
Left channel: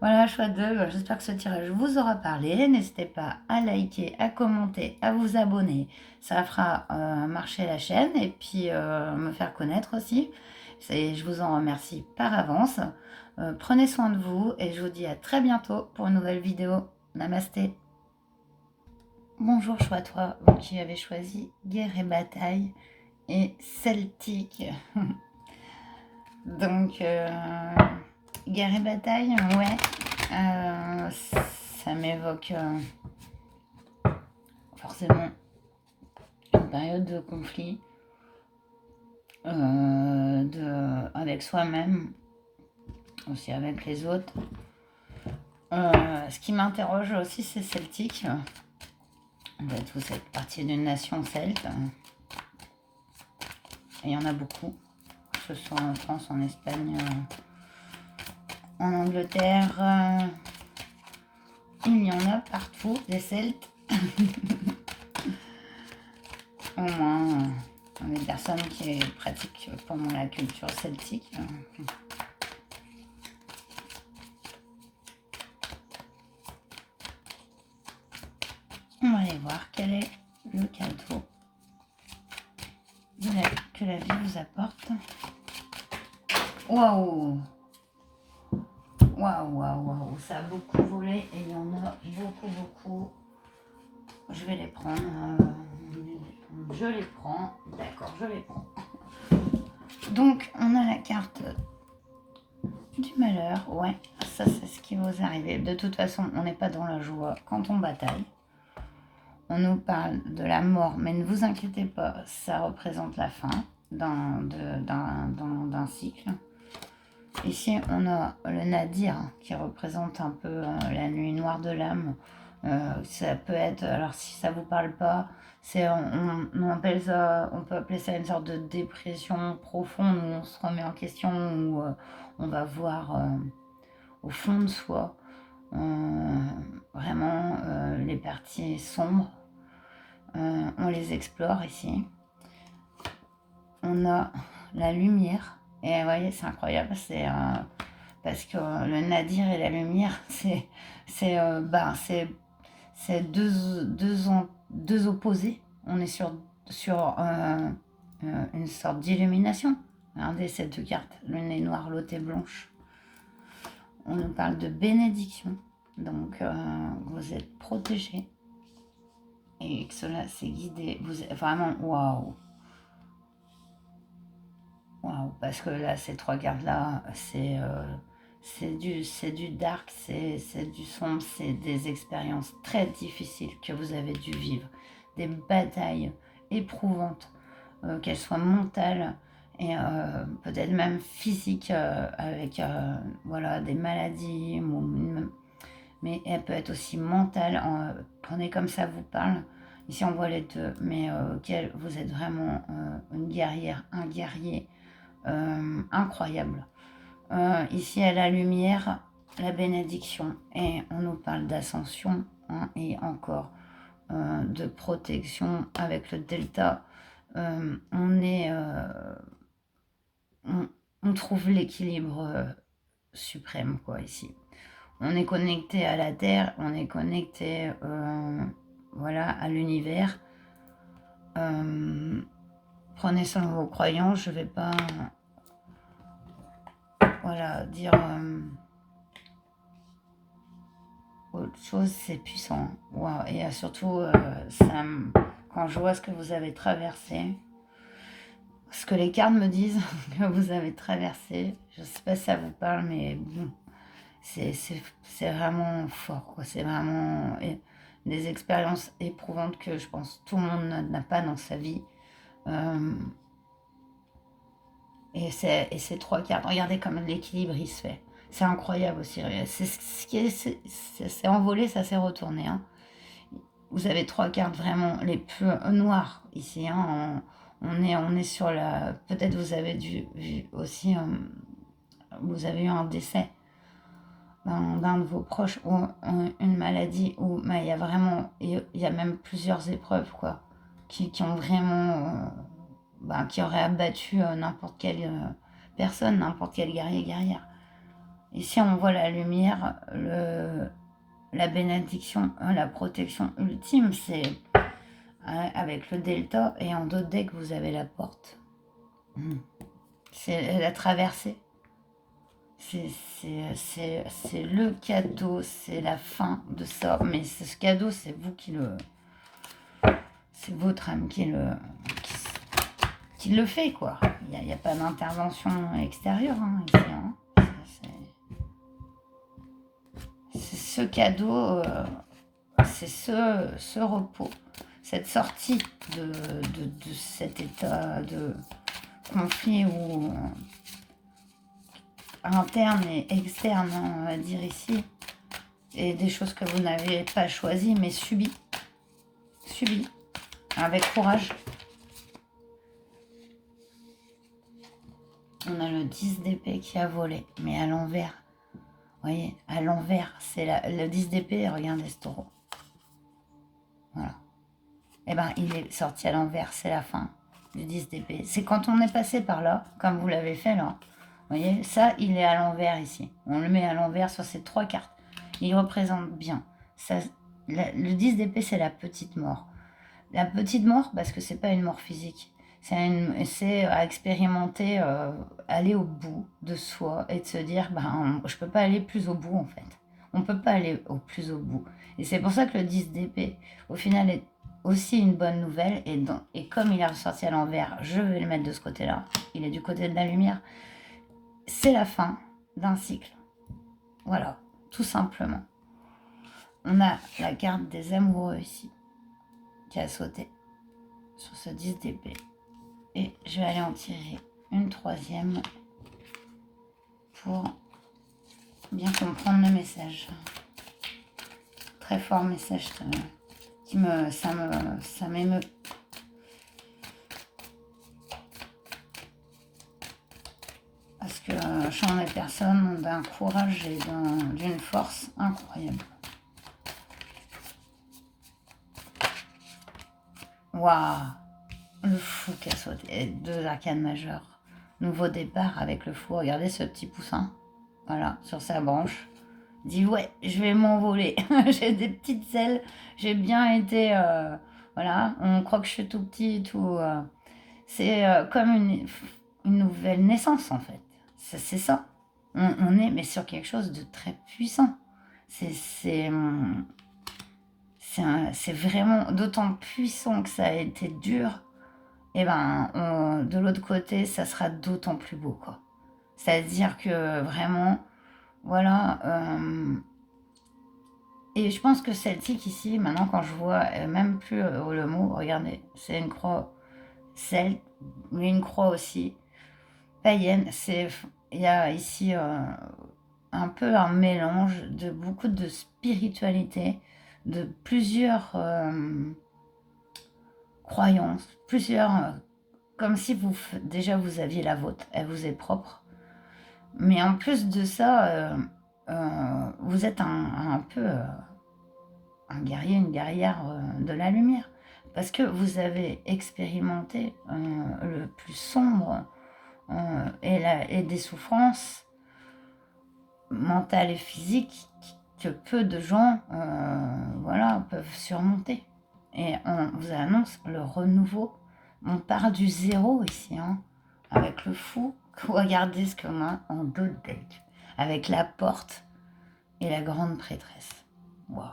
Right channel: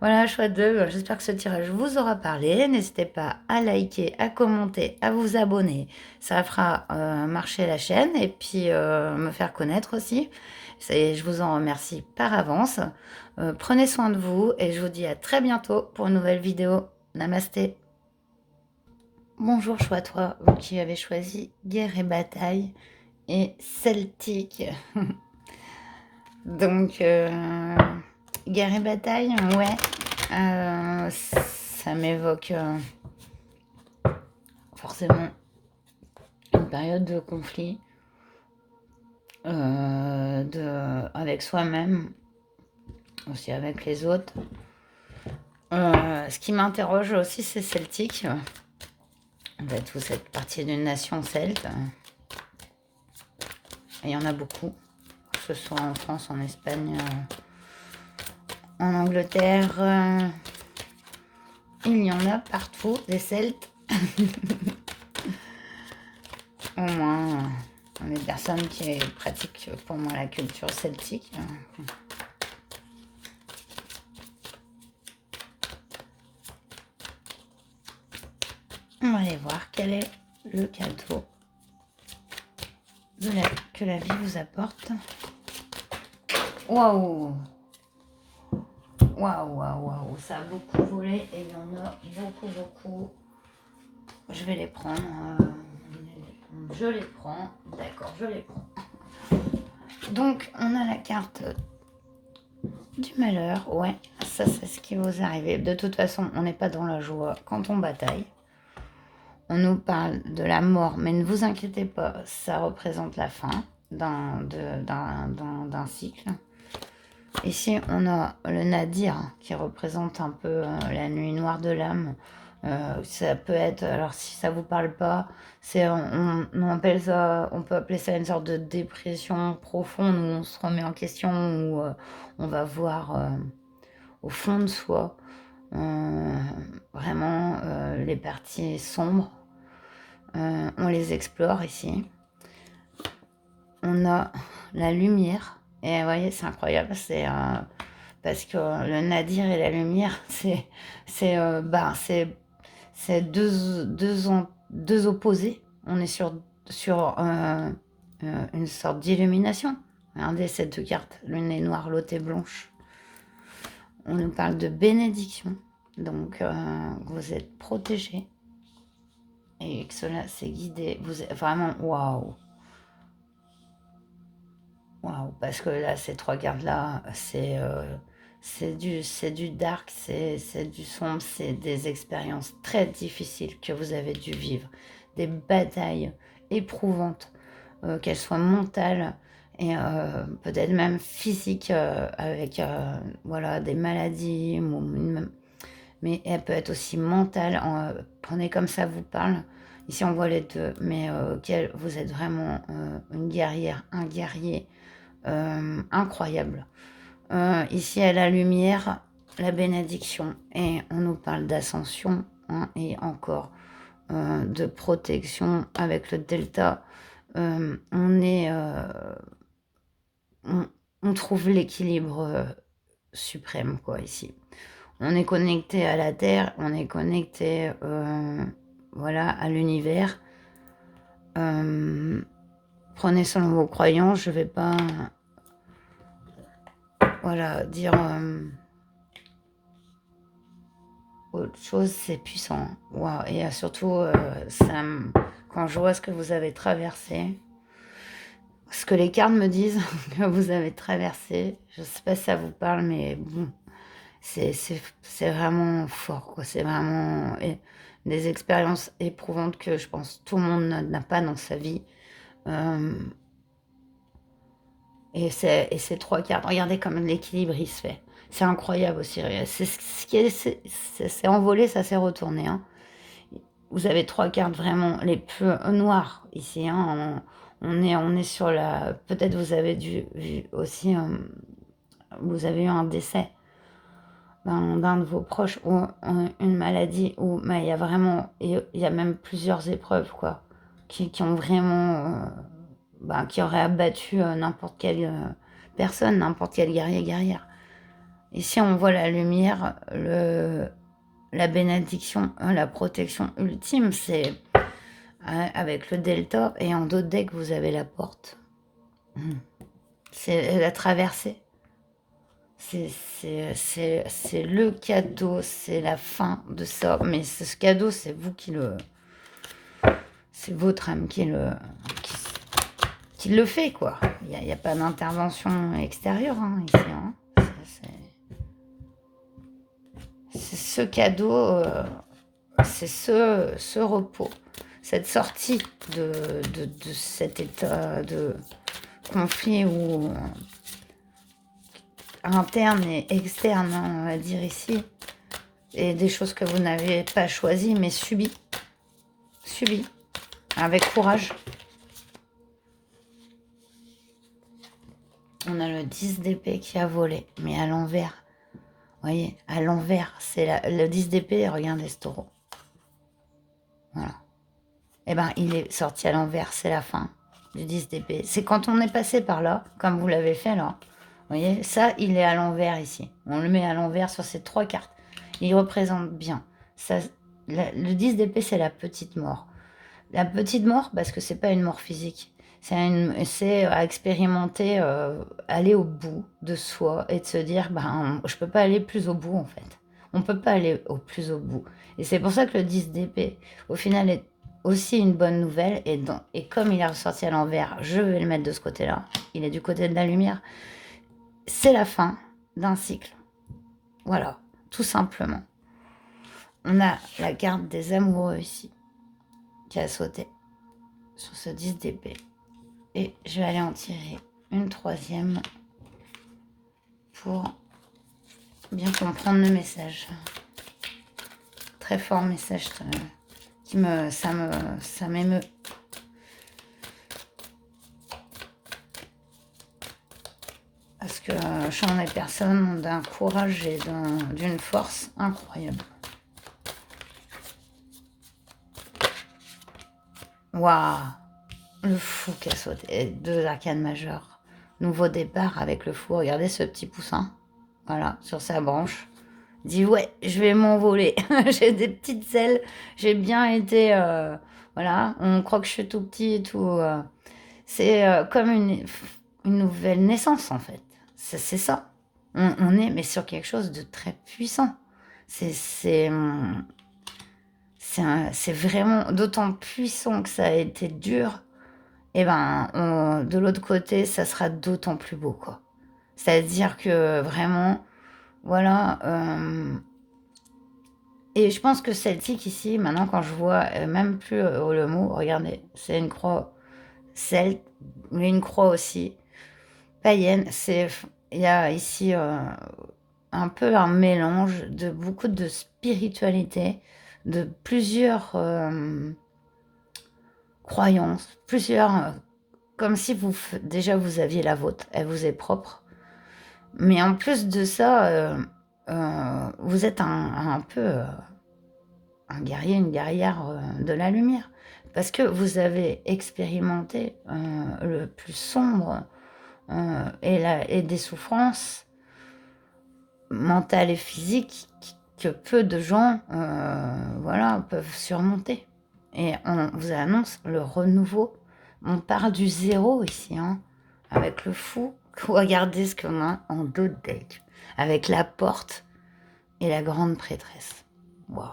Voilà, choix 2. J'espère que ce tirage vous aura parlé. N'hésitez pas à liker, à commenter, à vous abonner. Ça fera marcher la chaîne et puis me faire connaître aussi. Je vous en remercie par avance. Prenez soin de vous et je vous dis à très bientôt pour une nouvelle vidéo. Namasté. Bonjour, choix 3, vous qui avez choisi Guerre et Bataille et Celtique. Donc, Guerre et Bataille, ouais, ça m'évoque forcément une période de conflit avec soi-même, aussi avec les autres. Ce qui m'interroge aussi, c'est celtique. En fait, vous êtes partie d'une nation celte. Et il y en a beaucoup, que ce soit en France, en Espagne, en Angleterre. Il y en a partout, des Celtes. Au moins, Les personnes qui pratiquent pour moi la culture celtique. On va aller voir quel est le cadeau que la vie vous apporte. Waouh! Waouh, waouh, waouh! Ça a beaucoup volé et il y en a beaucoup, beaucoup. Je vais les prendre. Je les prends. D'accord, je les prends. Donc, on a la carte du malheur. Ouais, ça, c'est ce qui vous arrive. De toute façon, on n'est pas dans la joie quand on bataille. On nous parle de la mort, mais ne vous inquiétez pas, ça représente la fin d'un cycle. Ici, on a le nadir qui représente un peu la nuit noire de l'âme. Ça peut être, alors si ça vous parle pas, on appelle ça, on peut appeler ça une sorte de dépression profonde où on se remet en question, où on va voir au fond de soi vraiment les parties sombres. On les explore ici. On a la lumière. Et vous voyez, c'est incroyable. C'est parce que le nadir et la lumière, c'est deux opposés. On est sur une sorte d'illumination. Regardez ces deux cartes. L'une est noire, l'autre est blanche. On nous parle de bénédiction. Donc, vous êtes protégés. Et que cela s'est guidé. Vous êtes vraiment, waouh! Waouh! Parce que là, ces trois cartes-là, c'est du dark, c'est du sombre, c'est des expériences très difficiles que vous avez dû vivre. Des batailles éprouvantes, qu'elles soient mentales et peut-être même physiques, avec voilà, des maladies, mais elle peut être aussi mentale. Prenez comme ça vous parle. Ici, on voit les deux, mais vous êtes vraiment une guerrière, un guerrier incroyable. Ici, à la lumière, la bénédiction. Et on nous parle d'ascension et encore de protection avec le delta. On trouve l'équilibre suprême, quoi, ici. On est connecté à la Terre, on est connecté voilà, à l'univers. Prenez selon vos croyances, je ne vais pas voilà, dire autre chose, c'est puissant. Wow. Et surtout, quand je vois ce que vous avez traversé, ce que les cartes me disent que vous avez traversé, je ne sais pas si ça vous parle, mais bon, c'est vraiment fort, quoi. C'est vraiment des expériences éprouvantes que je pense tout le monde n'a pas dans sa vie. Et ces trois cartes, regardez comme l'équilibre il se fait. C'est incroyable aussi. C'est envolé, ça s'est retourné. Hein. Vous avez trois cartes vraiment les plus noires ici. Hein. On est sur la. Peut-être vous avez vu aussi. Vous avez eu un décès d'un de vos proches ou une maladie où il y a vraiment. Il y a même plusieurs épreuves quoi, qui ont vraiment. Qui auraient abattu n'importe quelle personne, n'importe quel guerrière. Ici, on voit la lumière, la bénédiction, la protection ultime, c'est avec le delta, et en d'autres decks, vous avez la porte. C'est la traversée. C'est le cadeau, c'est la fin de ça. Mais ce cadeau, c'est vous qui le... C'est votre âme qui le fait, quoi. Il n'y a pas d'intervention extérieure, hein, ici. Hein. C'est ce cadeau, c'est ce repos, cette sortie de cet état de conflit ou interne et externe, hein, on va dire ici, et des choses que vous n'avez pas choisies, mais subies, avec courage. On a le 10 d'épée qui a volé, mais à l'envers. Vous voyez, à l'envers, c'est le 10 d'épée, regardez ce taureau. Voilà. Eh bien, il est sorti à l'envers, c'est la fin. du 10 d'épée. C'est quand on est passé par là, comme vous l'avez fait là. Vous voyez, ça, il est à l'envers ici. On le met à l'envers sur ces 3 cartes. Il représente bien. Ça, le 10 d'épée, c'est la petite mort. La petite mort, parce que c'est pas une mort physique. C'est à expérimenter, aller au bout de soi et de se dire, ben, je peux pas aller plus au bout en fait. On peut pas aller plus au bout. Et c'est pour ça que le 10 d'épée, au final, est aussi une bonne nouvelle. Et comme il est ressorti à l'envers, je vais le mettre de ce côté-là. Il est du côté de la lumière. C'est la fin d'un cycle. Voilà, tout simplement. On a la carte des amoureux ici, qui a sauté sur ce 10 d'épée. Et je vais aller en tirer une troisième pour bien comprendre le message. Très fort message ça m'émeut. Parce que champ des personnes ont d'un courage et d'une force incroyable. Waouh! Le fou qui a sauté. 2 arcanes majeures. Nouveau départ avec le fou. Regardez ce petit poussin. Voilà, sur sa branche. Dit ouais, je vais m'envoler. J'ai des petites ailes. J'ai bien été. Voilà, on croit que je suis tout petit et tout. C'est comme une nouvelle naissance en fait. C'est ça. On est mais sur quelque chose de très puissant. C'est vraiment d'autant puissant que ça a été dur. Et ben, de l'autre côté, ça sera d'autant plus beau, quoi. C'est-à-dire que vraiment, voilà. Et je pense que celtique ici, maintenant, quand je vois même plus le mot, regardez, c'est une croix celte, mais une croix aussi païenne. Il y a ici un peu un mélange de beaucoup de spiritualité, de plusieurs croyances, comme si déjà vous aviez la vôtre, elle vous est propre. Mais en plus de ça, vous êtes un peu un guerrier, une guerrière de la lumière. Parce que vous avez expérimenté le plus sombre et des souffrances mentales et physiques que peu de gens voilà, peuvent surmonter. Et on vous annonce le renouveau. On part du zéro ici, hein, avec le fou. Regardez ce qu'on a en dos de deck. Avec la porte et la grande prêtresse. Waouh!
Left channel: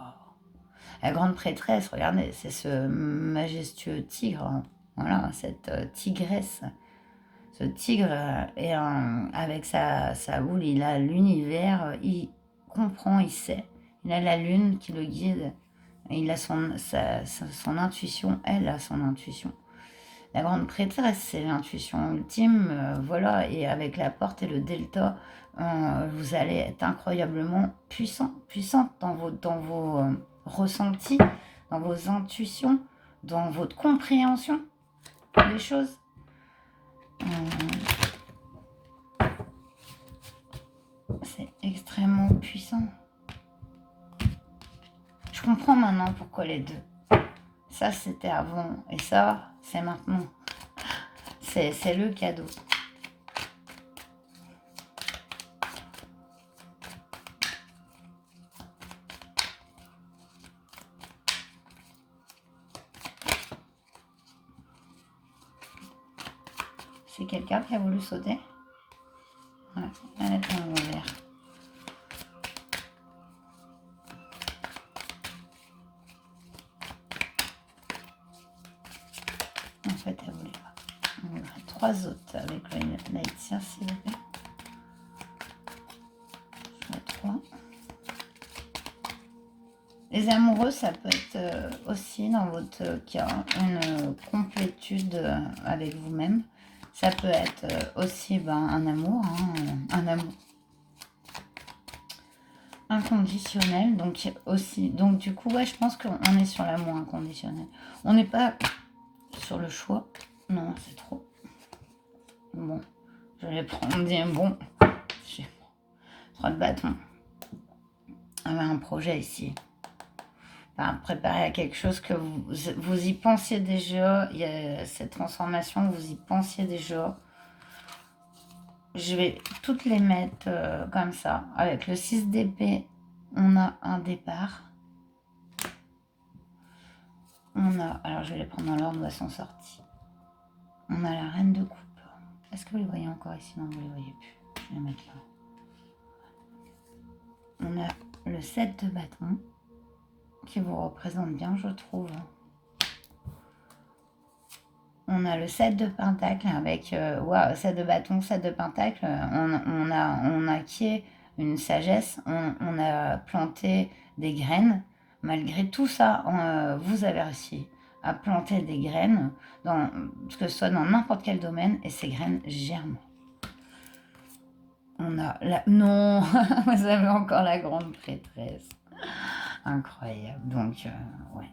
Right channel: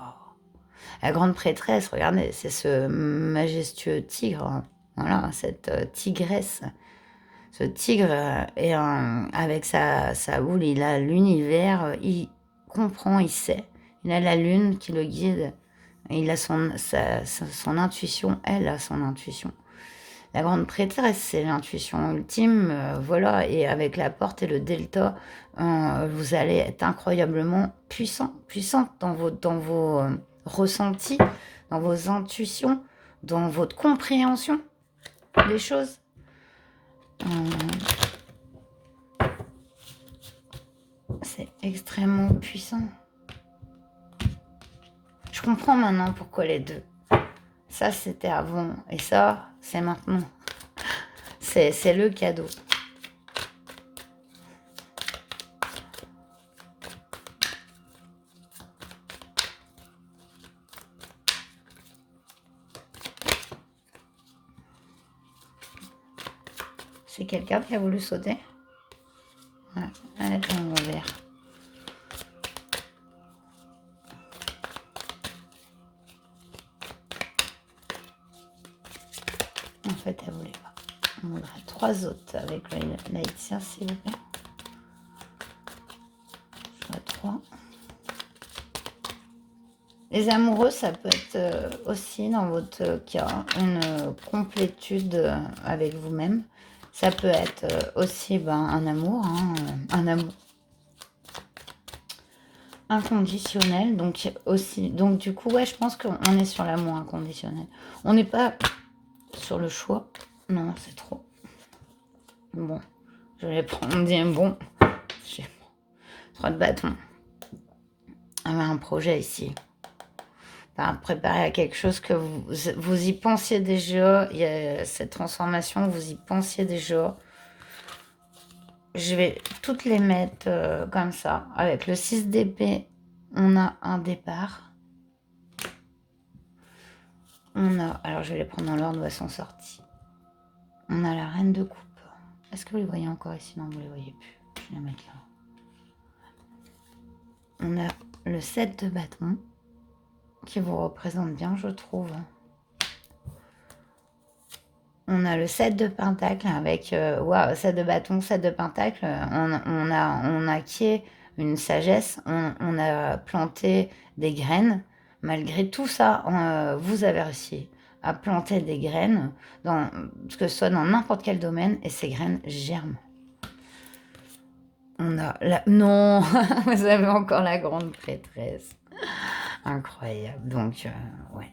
La grande prêtresse, regardez, c'est ce majestueux tigre. Hein. Voilà, cette tigresse. Ce tigre, avec sa boule, il a l'univers, il comprend, il sait. Il a la lune qui le guide. Il a son intuition, elle a son intuition. La grande prêtresse, c'est l'intuition ultime, voilà. Et avec la porte et le delta, vous allez être incroyablement puissante dans vos ressentis, dans vos intuitions, dans votre compréhension des choses. C'est extrêmement puissant. Je comprends maintenant pourquoi les deux. Ça, c'était avant. Et ça, c'est maintenant. C'est le cadeau. C'est quelqu'un qui a voulu sauter? Ouais, elle est en revers. En fait, elle voulait pas. On voudrait 3 autres avec l'Haïtien, s'il vous plaît. Je vois 3. Les amoureux, ça peut être aussi, dans votre cas, une complétude avec vous-même. Ça peut être aussi un amour, hein, un amour inconditionnel. Donc, du coup, ouais, je pense qu'on est sur l'amour inconditionnel. On n'est pas sur le choix. Non, c'est trop. Bon, je vais prendre des bons. J'ai 3 de bâton. On a un projet ici. enfin, préparer à quelque chose que vous y pensiez déjà. Il y a cette transformation, vous y pensiez déjà. Je vais toutes les mettre comme ça. Avec le 6 d'épée, on a un départ. On a, alors je vais les prendre dans l'ordre où elles sont sorties. On a la reine de coupe. Est-ce que vous les voyez encore ici? Non, vous ne les voyez plus. Je vais les mettre là. On a le 7 de bâton qui vous représente bien, je trouve. On a le 7 de pentacle avec 7 de bâton, 7 de pentacle. On a acquis une sagesse. On a planté des graines. Malgré tout ça, vous avez réussi à planter des graines, que ce soit dans n'importe quel domaine, et ces graines germent. On a la... Non, vous avez encore la grande prêtresse. Incroyable. Donc, ouais,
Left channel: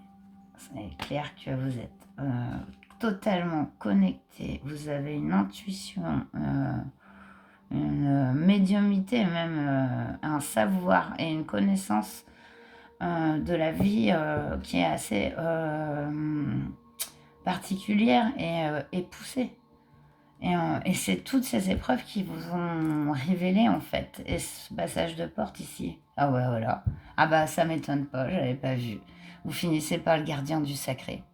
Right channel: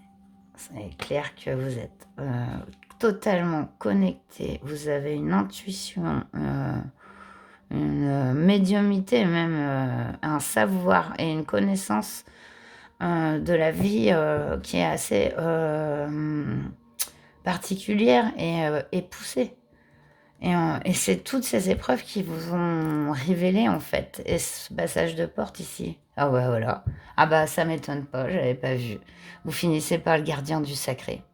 c'est clair que vous êtes totalement connecté. Vous avez une intuition, une médiumnité, même un savoir et une connaissance de la vie qui est assez particulière et poussée. Et c'est toutes ces épreuves qui vous ont révélé, en fait. Et ce passage de porte ici. Ah ouais, voilà. Ah bah, ça m'étonne pas, j'avais pas vu. Vous finissez par le gardien du sacré.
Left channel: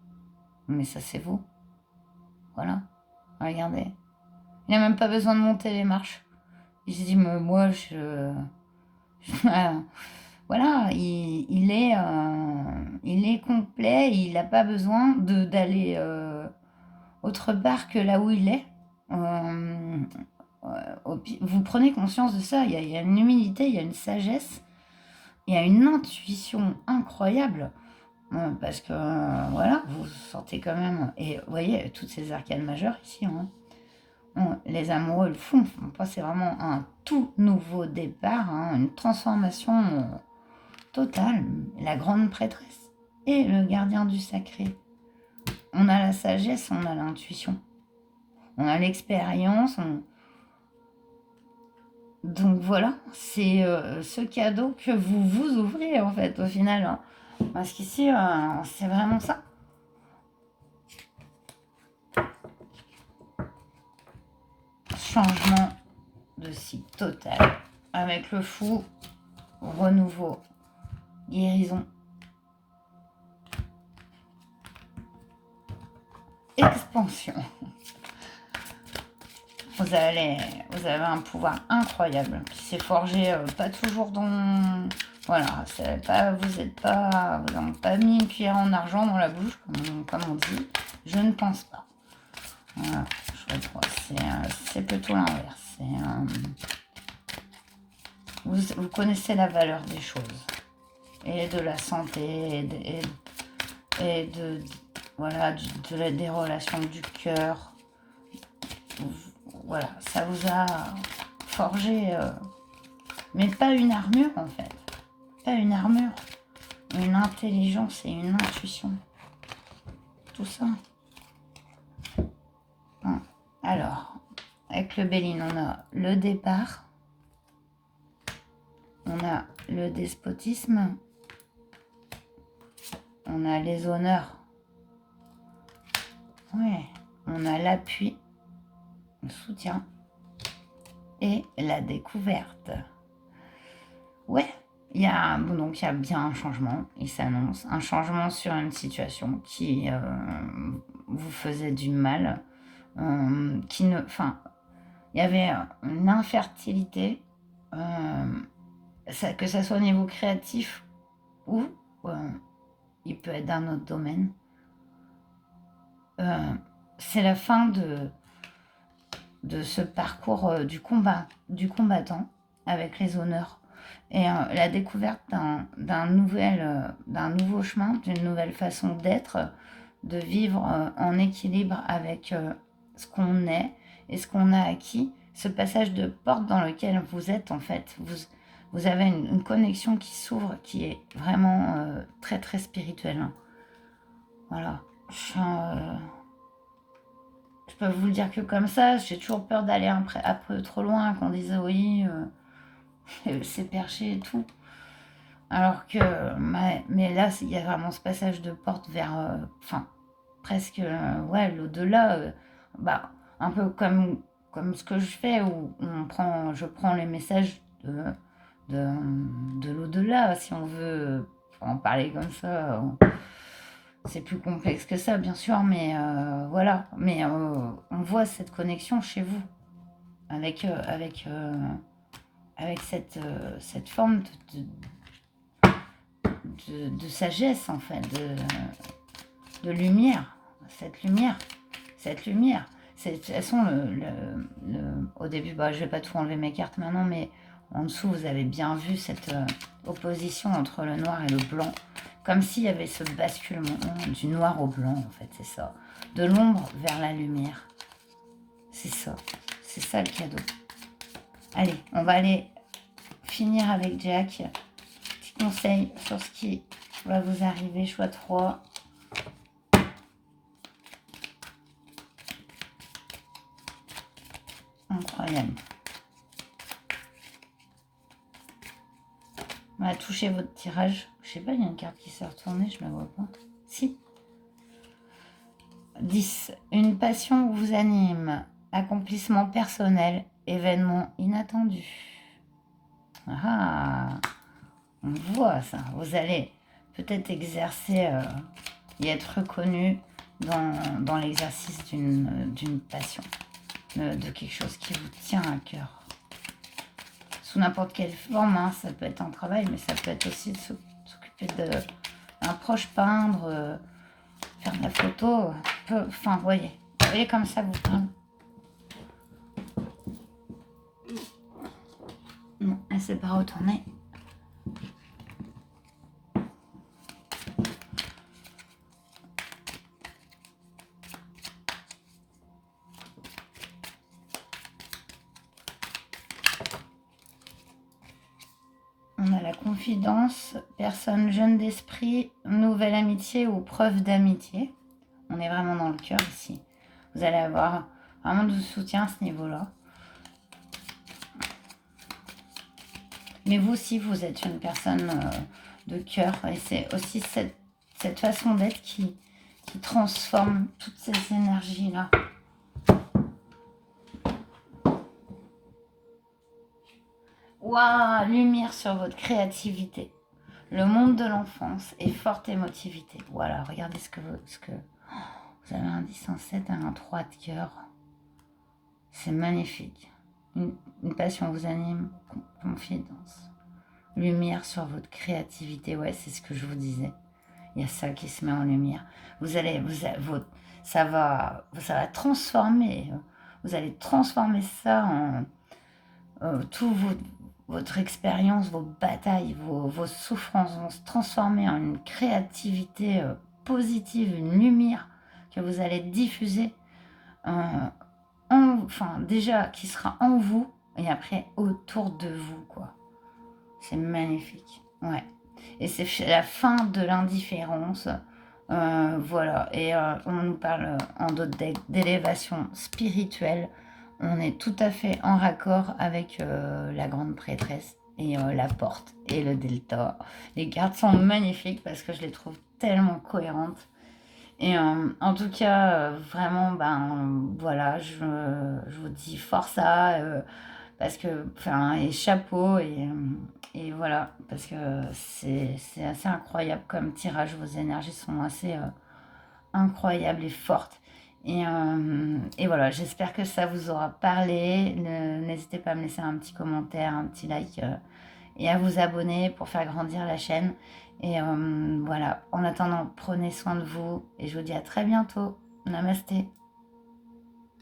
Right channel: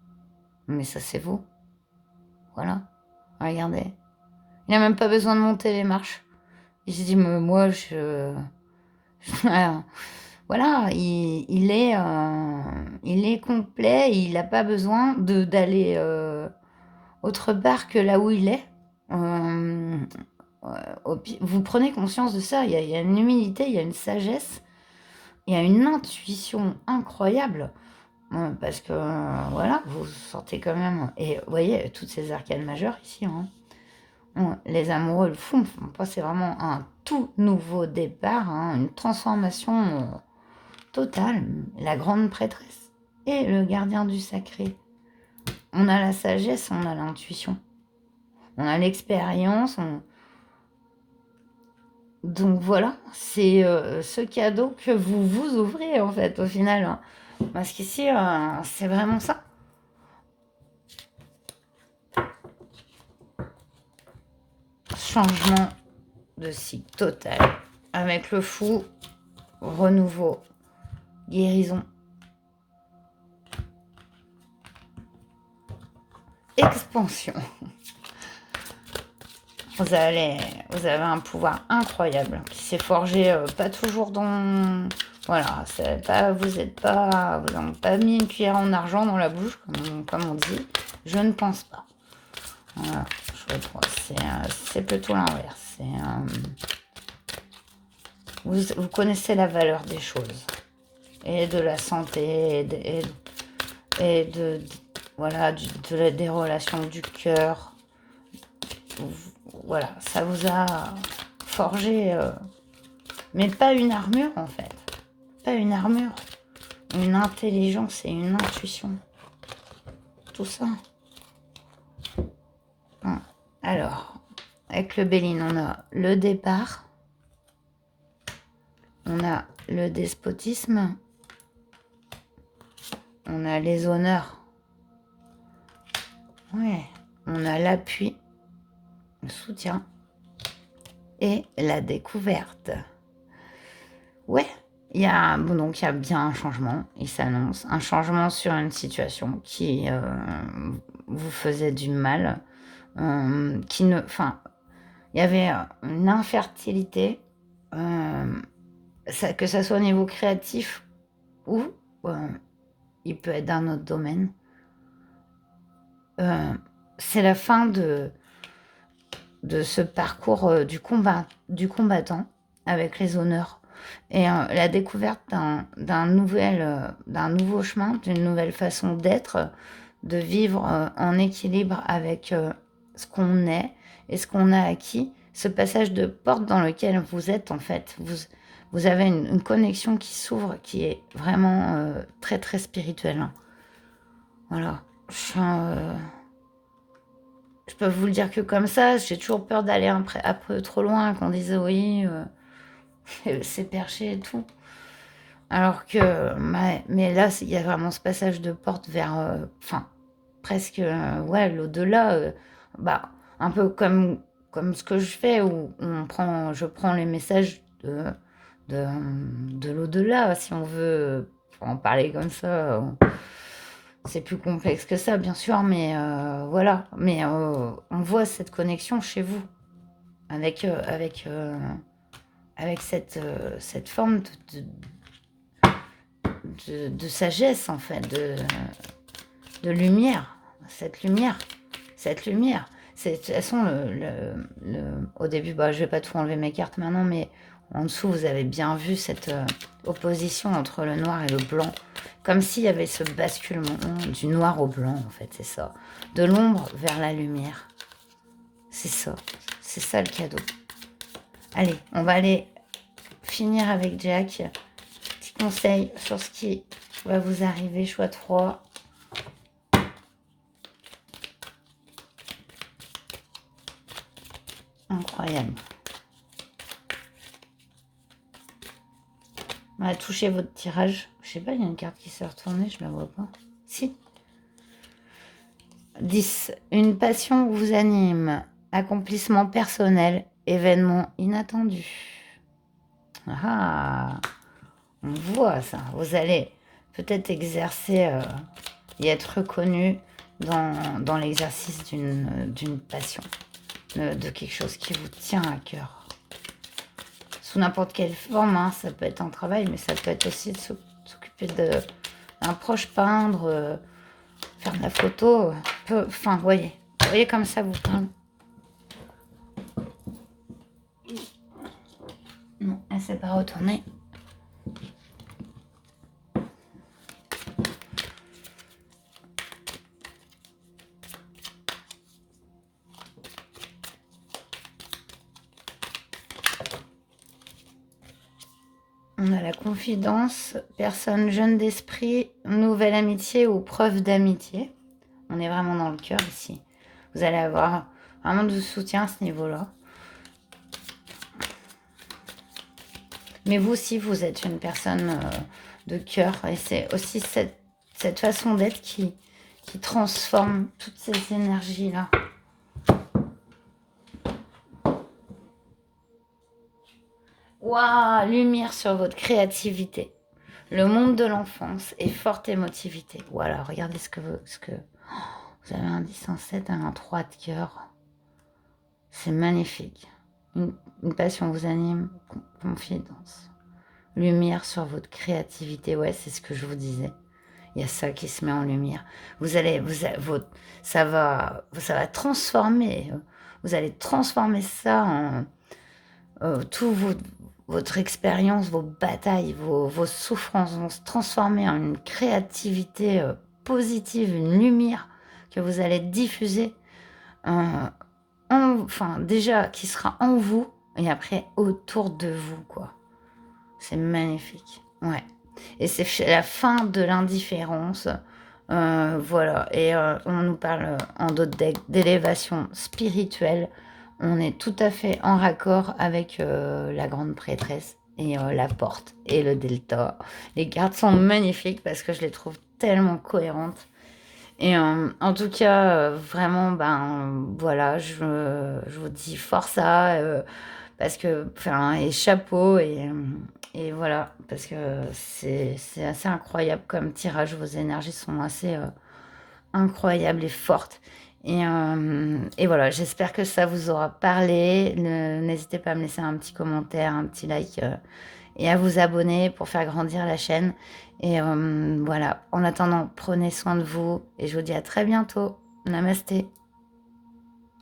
Mais ça, c'est vous. Voilà. Regardez. Il n'a même pas besoin de monter les marches. Il se dit, mais moi, voilà, il est complet. Il n'a pas besoin d'aller autre part que là où il est. Vous prenez conscience de ça, il y a une humilité, il y a une sagesse, il y a une intuition incroyable, parce que voilà, vous sortez quand même, et vous voyez, toutes ces arcanes majeures ici, les amoureux le font, c'est vraiment un tout nouveau départ, une transformation totale, la grande prêtresse et le gardien du sacré. On a la sagesse, on a l'intuition, on a l'expérience, Donc voilà, c'est ce cadeau que vous vous ouvrez en fait au final. Parce qu'ici, c'est vraiment ça. Changement de cycle total. Avec le fou, renouveau, guérison, expansion. Vous avez un pouvoir incroyable qui s'est forgé pas toujours dans... Voilà, vous n'avez pas mis une cuillère en argent dans la bouche, comme on dit. Je ne pense pas. Voilà, c'est plutôt l'inverse. Vous connaissez la valeur des choses et de la santé voilà, des relations du cœur. Voilà, ça vous a forgé, mais pas une armure en fait, pas une armure, une intelligence et une intuition, tout ça. Alors, avec le Béline, on a le départ, on a le despotisme, on a les honneurs, ouais, on a l'appui, le soutien et la découverte. Ouais, il y a bien un changement, il s'annonce, un changement sur une situation qui vous faisait du mal, il y avait une infertilité, que ça soit au niveau créatif ou il peut être dans autre domaine. C'est la fin de ce parcours du combattant avec les honneurs et la découverte d'un nouveau chemin, d'une nouvelle façon d'être, de vivre en équilibre avec ce qu'on est et ce qu'on a acquis. Ce passage de porte dans lequel vous êtes, en fait, vous avez une connexion qui s'ouvre, qui est vraiment très très spirituelle. Voilà. Je peux vous le dire que comme ça, j'ai toujours peur d'aller un peu trop loin, qu'on dise oui, c'est perché et tout. Alors que, mais là, il y a vraiment ce passage de porte vers, enfin, presque, ouais, l'au-delà, bah, un peu comme ce que je fais, où je prends les messages de, de l'au-delà, si on veut en parler comme ça. C'est plus complexe que ça, bien sûr, mais voilà. Mais on voit cette connexion chez vous, avec cette forme de sagesse, en fait, de lumière. Cette lumière. Cette lumière. De toute façon, au début, bah, je vais pas tout enlever mes cartes maintenant, mais en dessous, vous avez bien vu cette opposition entre le noir et le blanc. Comme s'il y avait ce basculement du noir au blanc, en fait, c'est ça. De l'ombre vers la lumière. C'est ça. C'est ça le cadeau. Allez, on va aller finir avec Jack. Petit conseil sur ce qui va vous arriver, choix 3. Incroyable. On va toucher votre tirage. Je sais pas, il y a une carte qui s'est retournée, je la vois pas. Si. 10. Une passion vous anime. Accomplissement personnel. Événement inattendu. Ah, on voit ça. Vous allez peut-être exercer et être reconnu dans l'exercice d'une passion, de quelque chose qui vous tient à cœur. Sous n'importe quelle forme, hein. Ça peut être un travail, mais ça peut être aussi de s'occuper d'un proche, peindre, faire de la photo. Enfin, voyez comme ça vous... Non, elle ne s'est pas retournée. On a la confidence, personne jeune d'esprit, nouvelle amitié ou preuve d'amitié. On est vraiment dans le cœur ici. Vous allez avoir vraiment du soutien à ce niveau-là. Mais vous aussi, vous êtes une personne de cœur. Et c'est aussi cette façon d'être qui transforme toutes ces énergies-là. Waouh, lumière sur votre créativité. Le monde de l'enfance est forte émotivité. Voilà, regardez ce que vous avez un 10 en 7, un 3 de cœur. C'est magnifique. Une passion vous anime, confidence. Lumière sur votre créativité, ouais, c'est ce que je vous disais. Il y a ça qui se met en lumière. Ça va transformer. Vous allez transformer ça en tout votre expérience, vos batailles, vos souffrances vont se transformer en une créativité positive, une lumière que vous allez diffuser, enfin déjà qui sera en vous et après autour de vous, quoi. C'est magnifique, ouais. Et c'est la fin de l'indifférence, voilà. Et on nous parle en d'autres decks d'élévation spirituelle. On est tout à fait en raccord avec la grande prêtresse et la porte et le delta. Les cartes sont magnifiques parce que je les trouve tellement cohérentes. Et en tout cas, vraiment, ben voilà, je vous dis force parce que, enfin, et chapeau, et voilà, parce que c'est assez incroyable comme tirage. Vos énergies sont assez incroyables et fortes. Et voilà, j'espère que ça vous aura parlé. N'hésitez pas à me laisser un petit commentaire, un petit like et à vous abonner pour faire grandir la chaîne. Et voilà, en attendant, prenez soin de vous et je vous dis à très bientôt. Namasté.